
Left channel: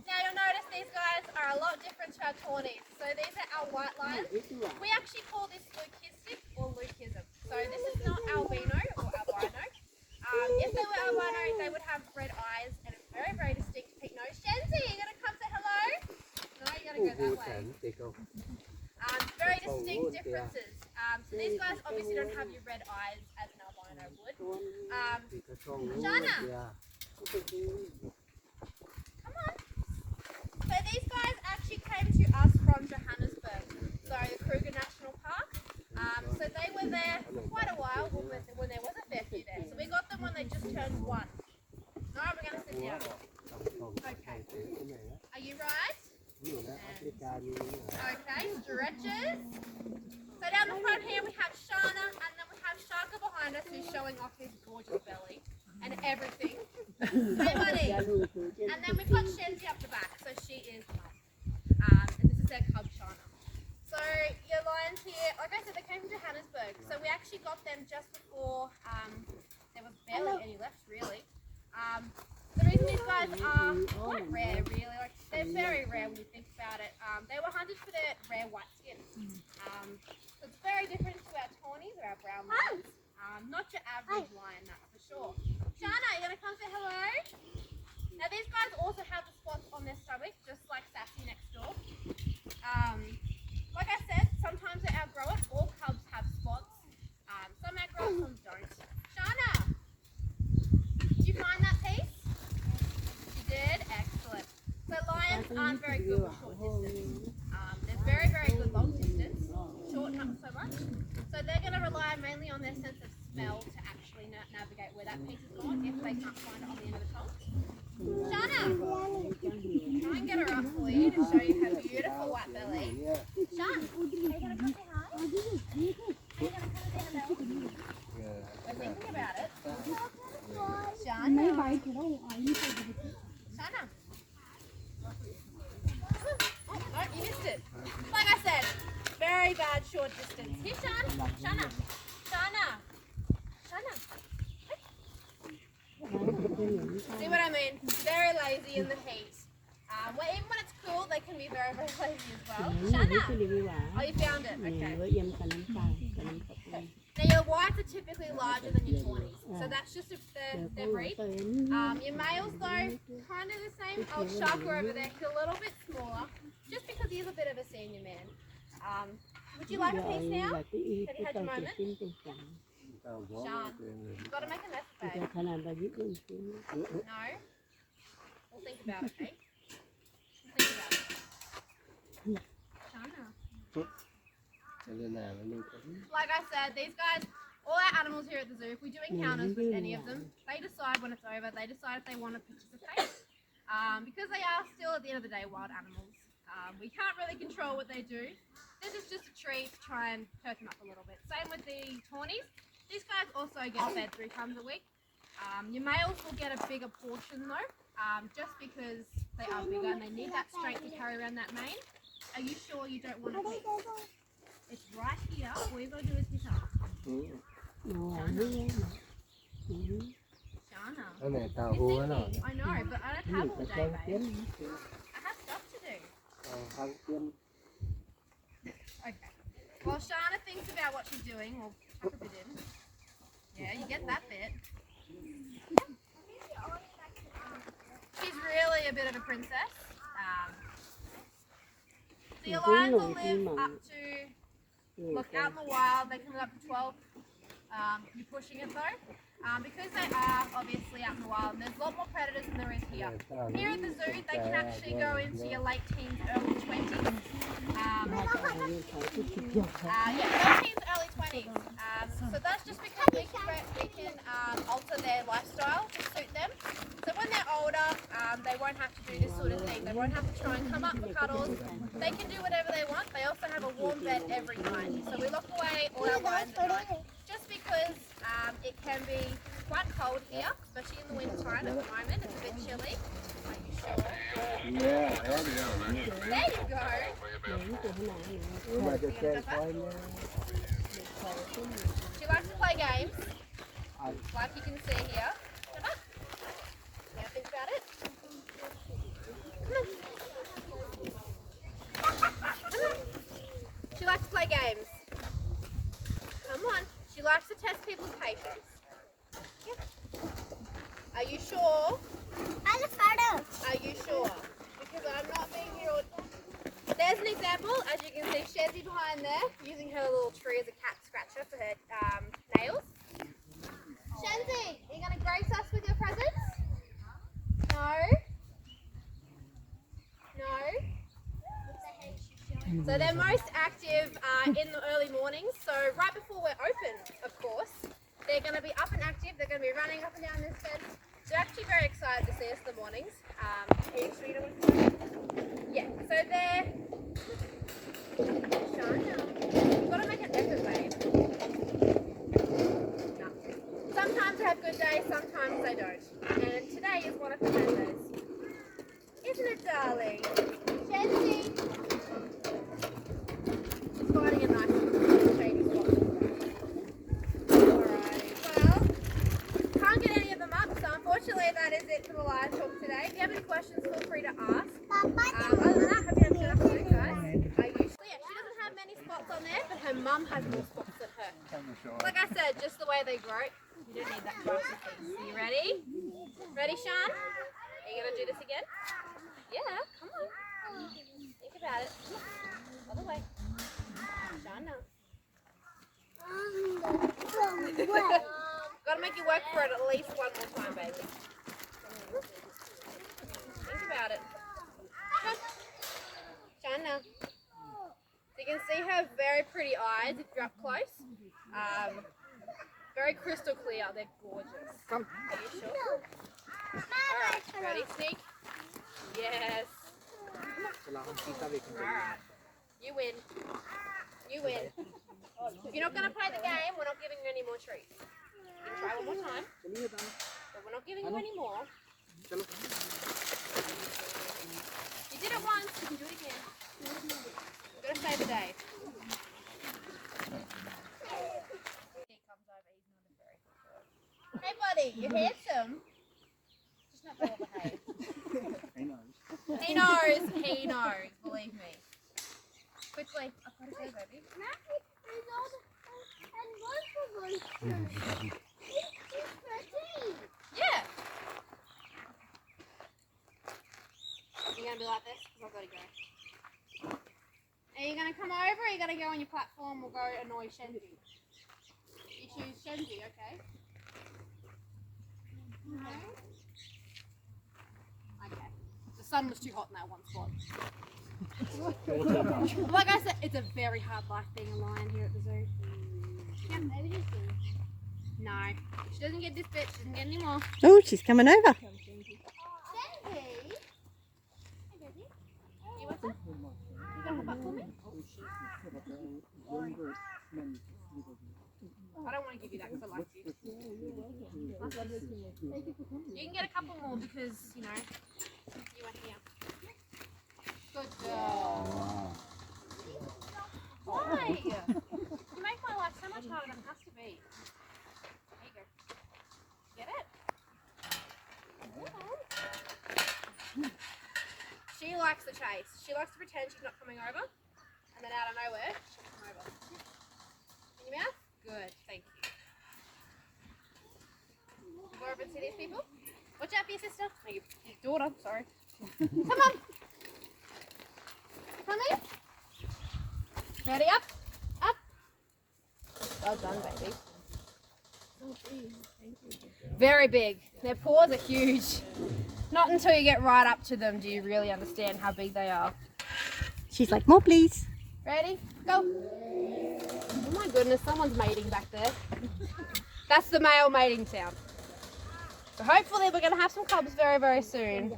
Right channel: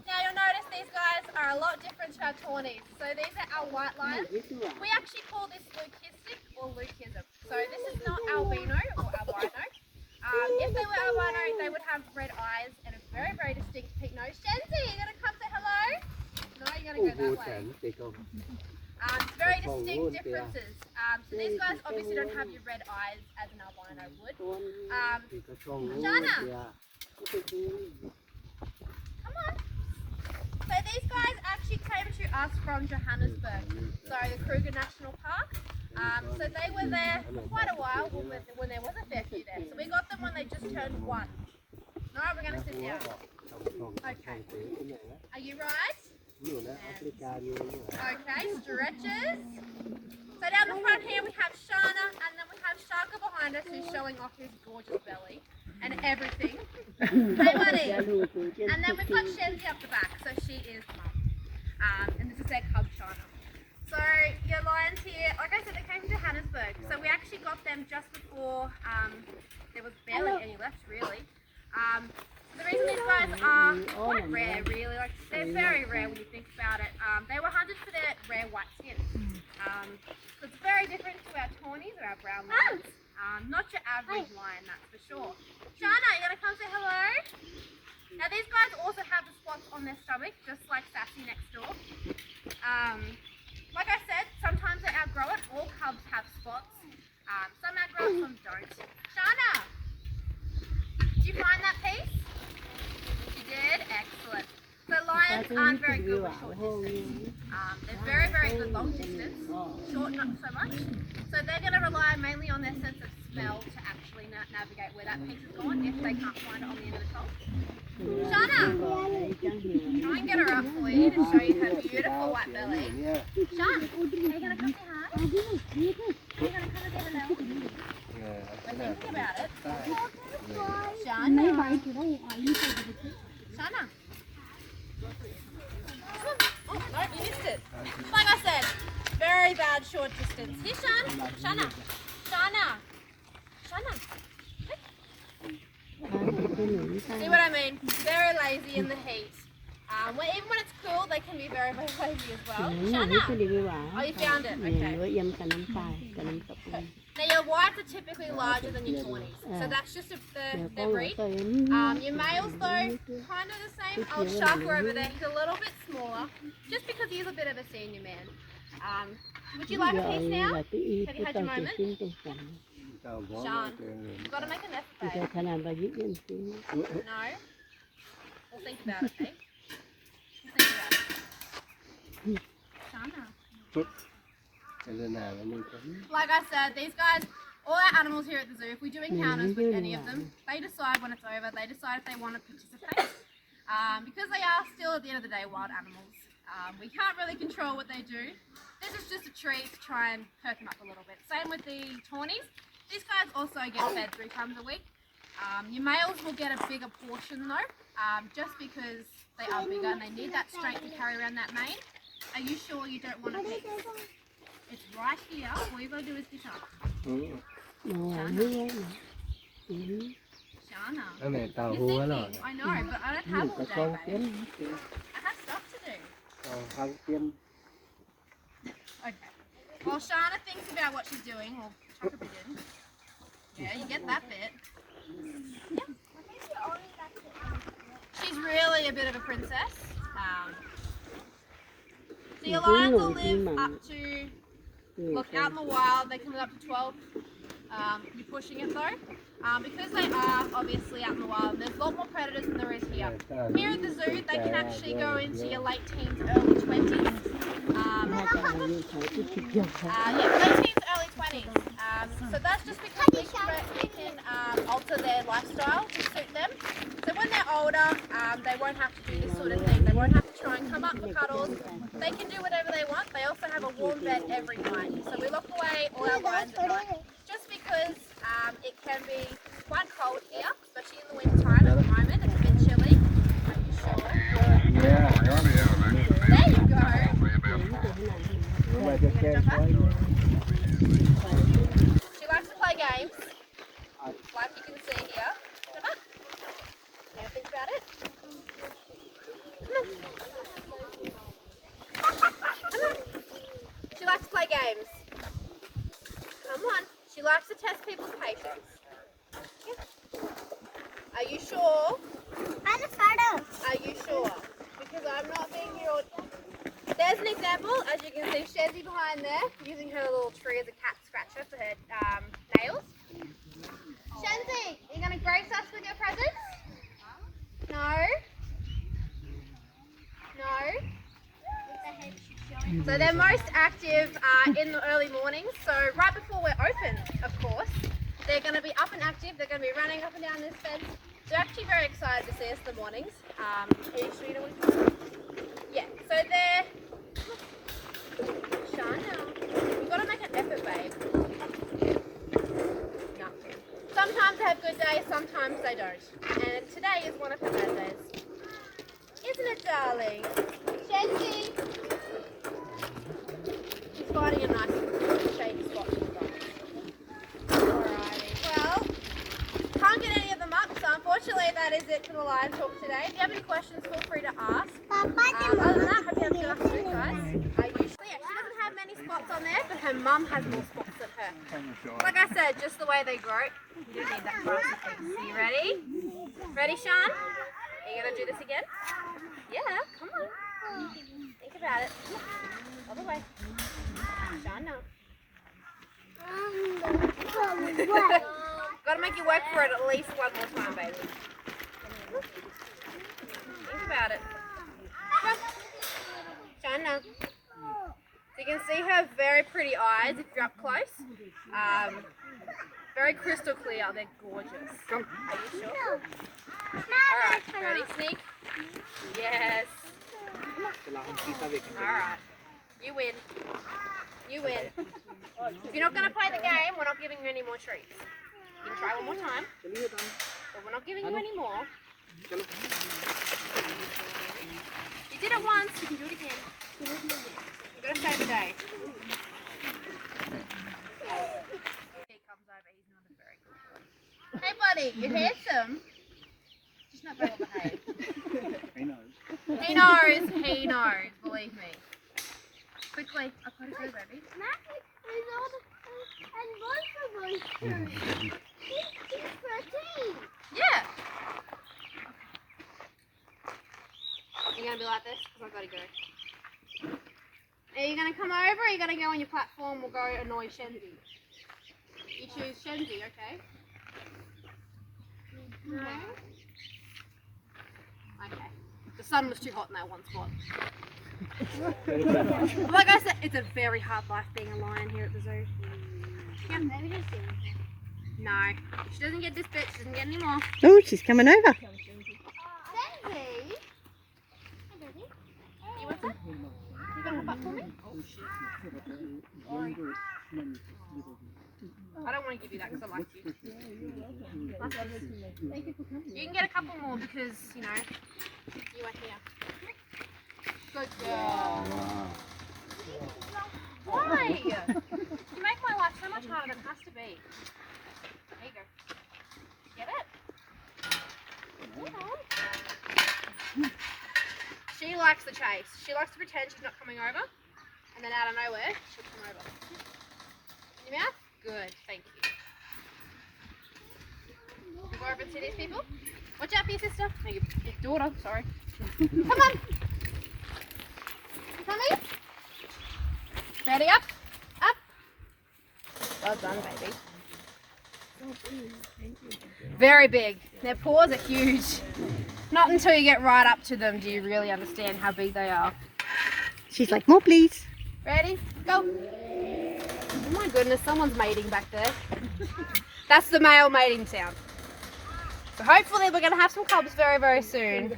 Now you'll notice these guys are a lot different to our tawnies. So these are our white lions. We actually call this leucistic or leucism. So this is not albino or albino. If they were albino, they would have red eyes and a very, very distinct pink nose. Shenzi, you gonna come say hello? No, you gotta go that way. Very distinct differences. So these guys obviously don't have your red eyes as an albino would. Jana, come on. So these guys actually came to us from Johannesburg, so the Kruger National Park. So they were there for quite a while when there was a fair few there. So we got them when they just turned 1. No, we're going to sit down. Okay. Are you right? Okay, stretches. So down the front here we have Shana, and then we have Shaka behind us who's showing off his gorgeous belly and everything. Hey buddy. And then we've got Shenzi up the back, so she is mum. And this is their cub Shana. So your lions here, like I said, they came from Johannesburg. So we actually got them just before there was barely any left really. The reason these guys are quite rare really, like they're very rare when you think about it. They were hunted for their rare white skin. So it's very different to our tawnies or our brown lions. Not your average lion, that's for sure. Shana, you gonna come say hello? Now these guys also have the spots on their stomach, just like Sassy next door. Like I said, sometimes they outgrow it. All cubs have spots. Some outgrow it, some don't. Shana, did you find that piece? You did? Excellent. So lions aren't very good with short distance. They're very, very good long distance. Short, not so much. So they're going to rely mainly on their sense of smell to actually navigate where that piece is going if they can't find it on the end of the tongue. Shana, try and get her up for you to show you her beautiful white belly. Sean, are you going to come say hi? Are you going to come and say hello? We're thinking about it. Shana. Shana. Oh, no, you missed it. Like I said, very bad short distance. Here, Sean. Shana. Shana. Shana. See what I mean? Very lazy in the heat. Even when it's cool, they can be very, very lazy as well. Shana! Oh, you found it? Okay. Now your whites are typically larger than your tawnies, so that's just their breed. Your males though, kind of the same. Old Sharker over there, he's a little bit smaller, just because he's a bit of a senior man. Would you like a piece now? Have you had your moment? Sean, you've got to make an effort, babe. No? We'll think about it, okay? We'll think about it. Shana. Like I said, these guys, all our animals here at the zoo, if we do encounters with any of them, they decide when it's over, they decide if they want to participate. Because they are still, at the end of the day, wild animals. We can't really control what they do. This is just a treat to try and perk them up a little bit. Same with the tawnies. These guys also get fed 3 times a week. Your males will get a bigger portion though, just because they are bigger and they need that strength to carry around that mane. Are you sure you don't want a piece? It's right here. All you've got to do is pick up. Shana. Shana. You're thinking, I know, but I don't have all day, babe. I have stuff to do. Okay. While Shana thinks about what she's doing, we'll tuck a bit in. Yeah, you get that bit. She's really a bit of a princess. So your lions will live up to, look, out in the wild, they can live up to 12. You're pushing it though. Because they are obviously out in the wild, there's a lot more predators than there is here. Here at the zoo, they can actually go into your late teens, early 20s. Late teens, early 20s. So that's just because we can alter their lifestyle to suit them. So when they're older, they won't have to do this sort of thing. They won't have to try and come up for cuddles. They can do whatever they want. They also have a warm bed every night. So we lock away all our lions at night. Just because it can be quite cold here, especially in the winter time at the moment. It's a bit chilly. Are you sure? There you go. You gonna jump up? She likes to play games, like you can see here. Jump up. You gonna think about it? Come on. She likes to play games. Come on. She likes to test people's patience. Yeah. Are you sure? I'm a photo. Are you sure? Because I'm not being here all... There's an example, as you can see, Shezzy behind there, using her little tree as a cat scratcher for her nails. Shenzi, are you going to grace us with your presence? No? No? So they're most active in the early mornings, so right before we're open, of course. They're going to be up and active, they're going to be running up and down this fence. They're actually very excited to see us in the mornings. Are you sure you don't want to? Yeah, so they're... Sean, now. You've got to make an effort, babe. No. Sometimes they have good days, sometimes they don't. And today is one of the bad days. Isn't it, darling? Jessie! She's finding a nice shady spot. Well, can't get any of them up, so unfortunately that is it for the live talk today. If you have any questions, feel free to ask. Other than that, hope you have a good afternoon, guys. She doesn't have many spots on there, but her mum has more spots than her. Like I said, just the way they grow, you don't need that grassy thing. Are you ready? Ready, Sean? Are you going to do this again? Yeah, come on. Think about it. All the way. Sean, no. Gotta make you work for it at least one more time, baby. Think about it. Come. Sean, no. So you can see her very pretty eyes if you're up close. Very crystal clear. They're gorgeous. Are you sure? Alright, ready, sneak? Yes. Alright. You win. You win. If you're not going to play the game, we're not giving you any more treats. You can try one more time, but we're not giving you any more. You did it once, you can do it again. You've got to save the day. He comes over, he's not a very good boy. Hey buddy, you're handsome. Just not very well behaved. He knows, believe me. Quickly, I've got to go, baby. Yeah. You're going to be like this? Because I've got to go. Are you going to come over or are you going to go on your platform? We'll go annoy Shenzi. You choose Shenzi, okay? No? Okay. The sun was too hot in that one spot. Like I said, it's a very hard life being a lion here at the zoo. Yeah, maybe just do it. No, she doesn't get this bit, she doesn't get any more. Oh, she's coming over. Daisy! Hey, baby. You want that? You gonna hop up for me? I don't want to give you that because I like you. You can get a couple more because, you know, you were here. Good girl. Why? You make my life so much harder than it has to be. There you go. Get it? She likes the chase. She likes to pretend she's not coming over, and then out of nowhere, she'll come over. In your mouth? Good, thank you. Go over and see these people. Watch out for your sister. No, your daughter, sorry. Come on. Come here. Ready, up, up. Well done, baby. Very big. Their paws are huge. Not until you get right up to them do you really understand how big they are. She's like, more please. Ready? Go. Oh my goodness, someone's mating back there. That's the male mating sound. So hopefully we're going to have some cubs very, very soon.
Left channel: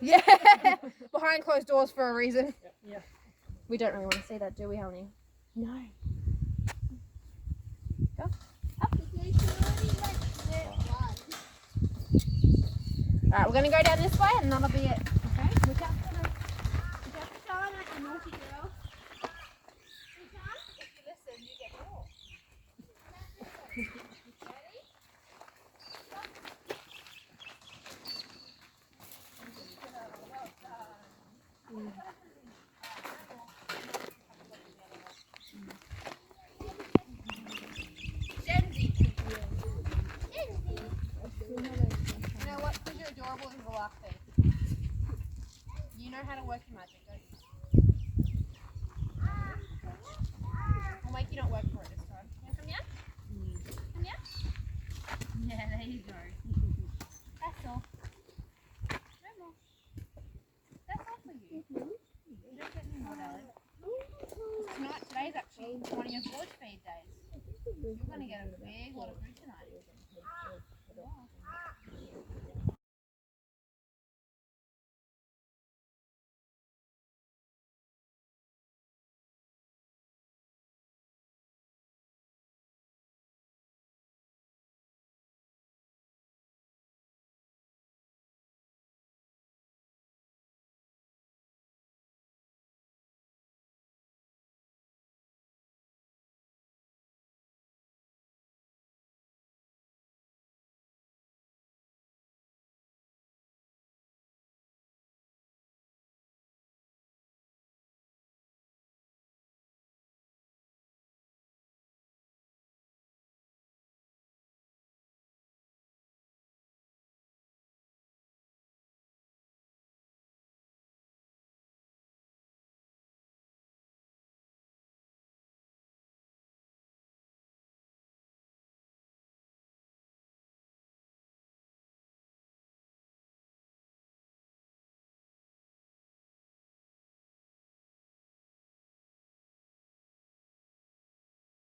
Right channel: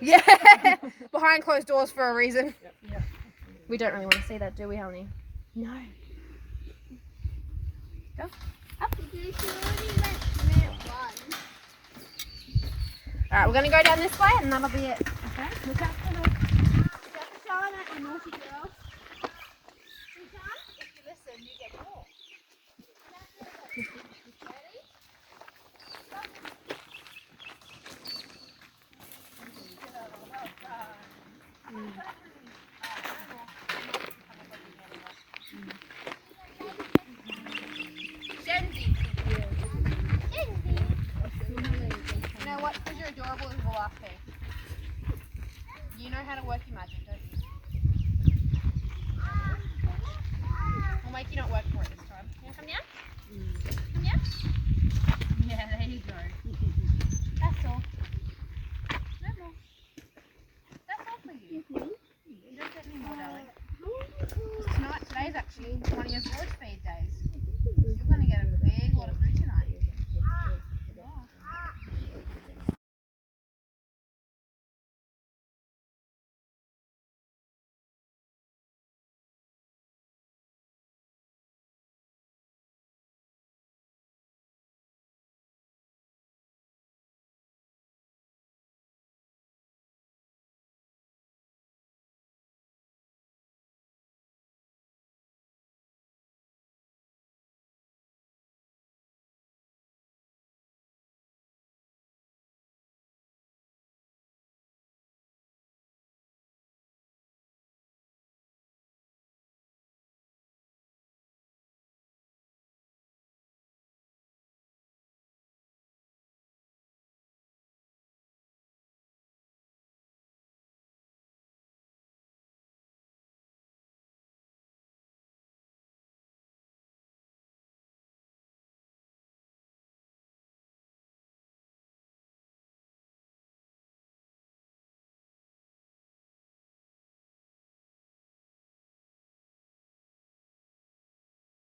Yeah, behind closed doors for a reason. Yep. We don't really want to see that, do we, honey? No. Go. Up. Alright, we're going to go down this way and that'll be it. Okay? Look out for Shauna, a naughty girl. If you listen, you get more. You know what? Because you're adorable, this is the last thing. You know how to work your magic, don't you? We'll make you not work for it this time. You want to come down? Come down? Yeah, there you go. That's all. No more. That's all for you. You don't get any more, darling. college feed days. You're going to get a feed.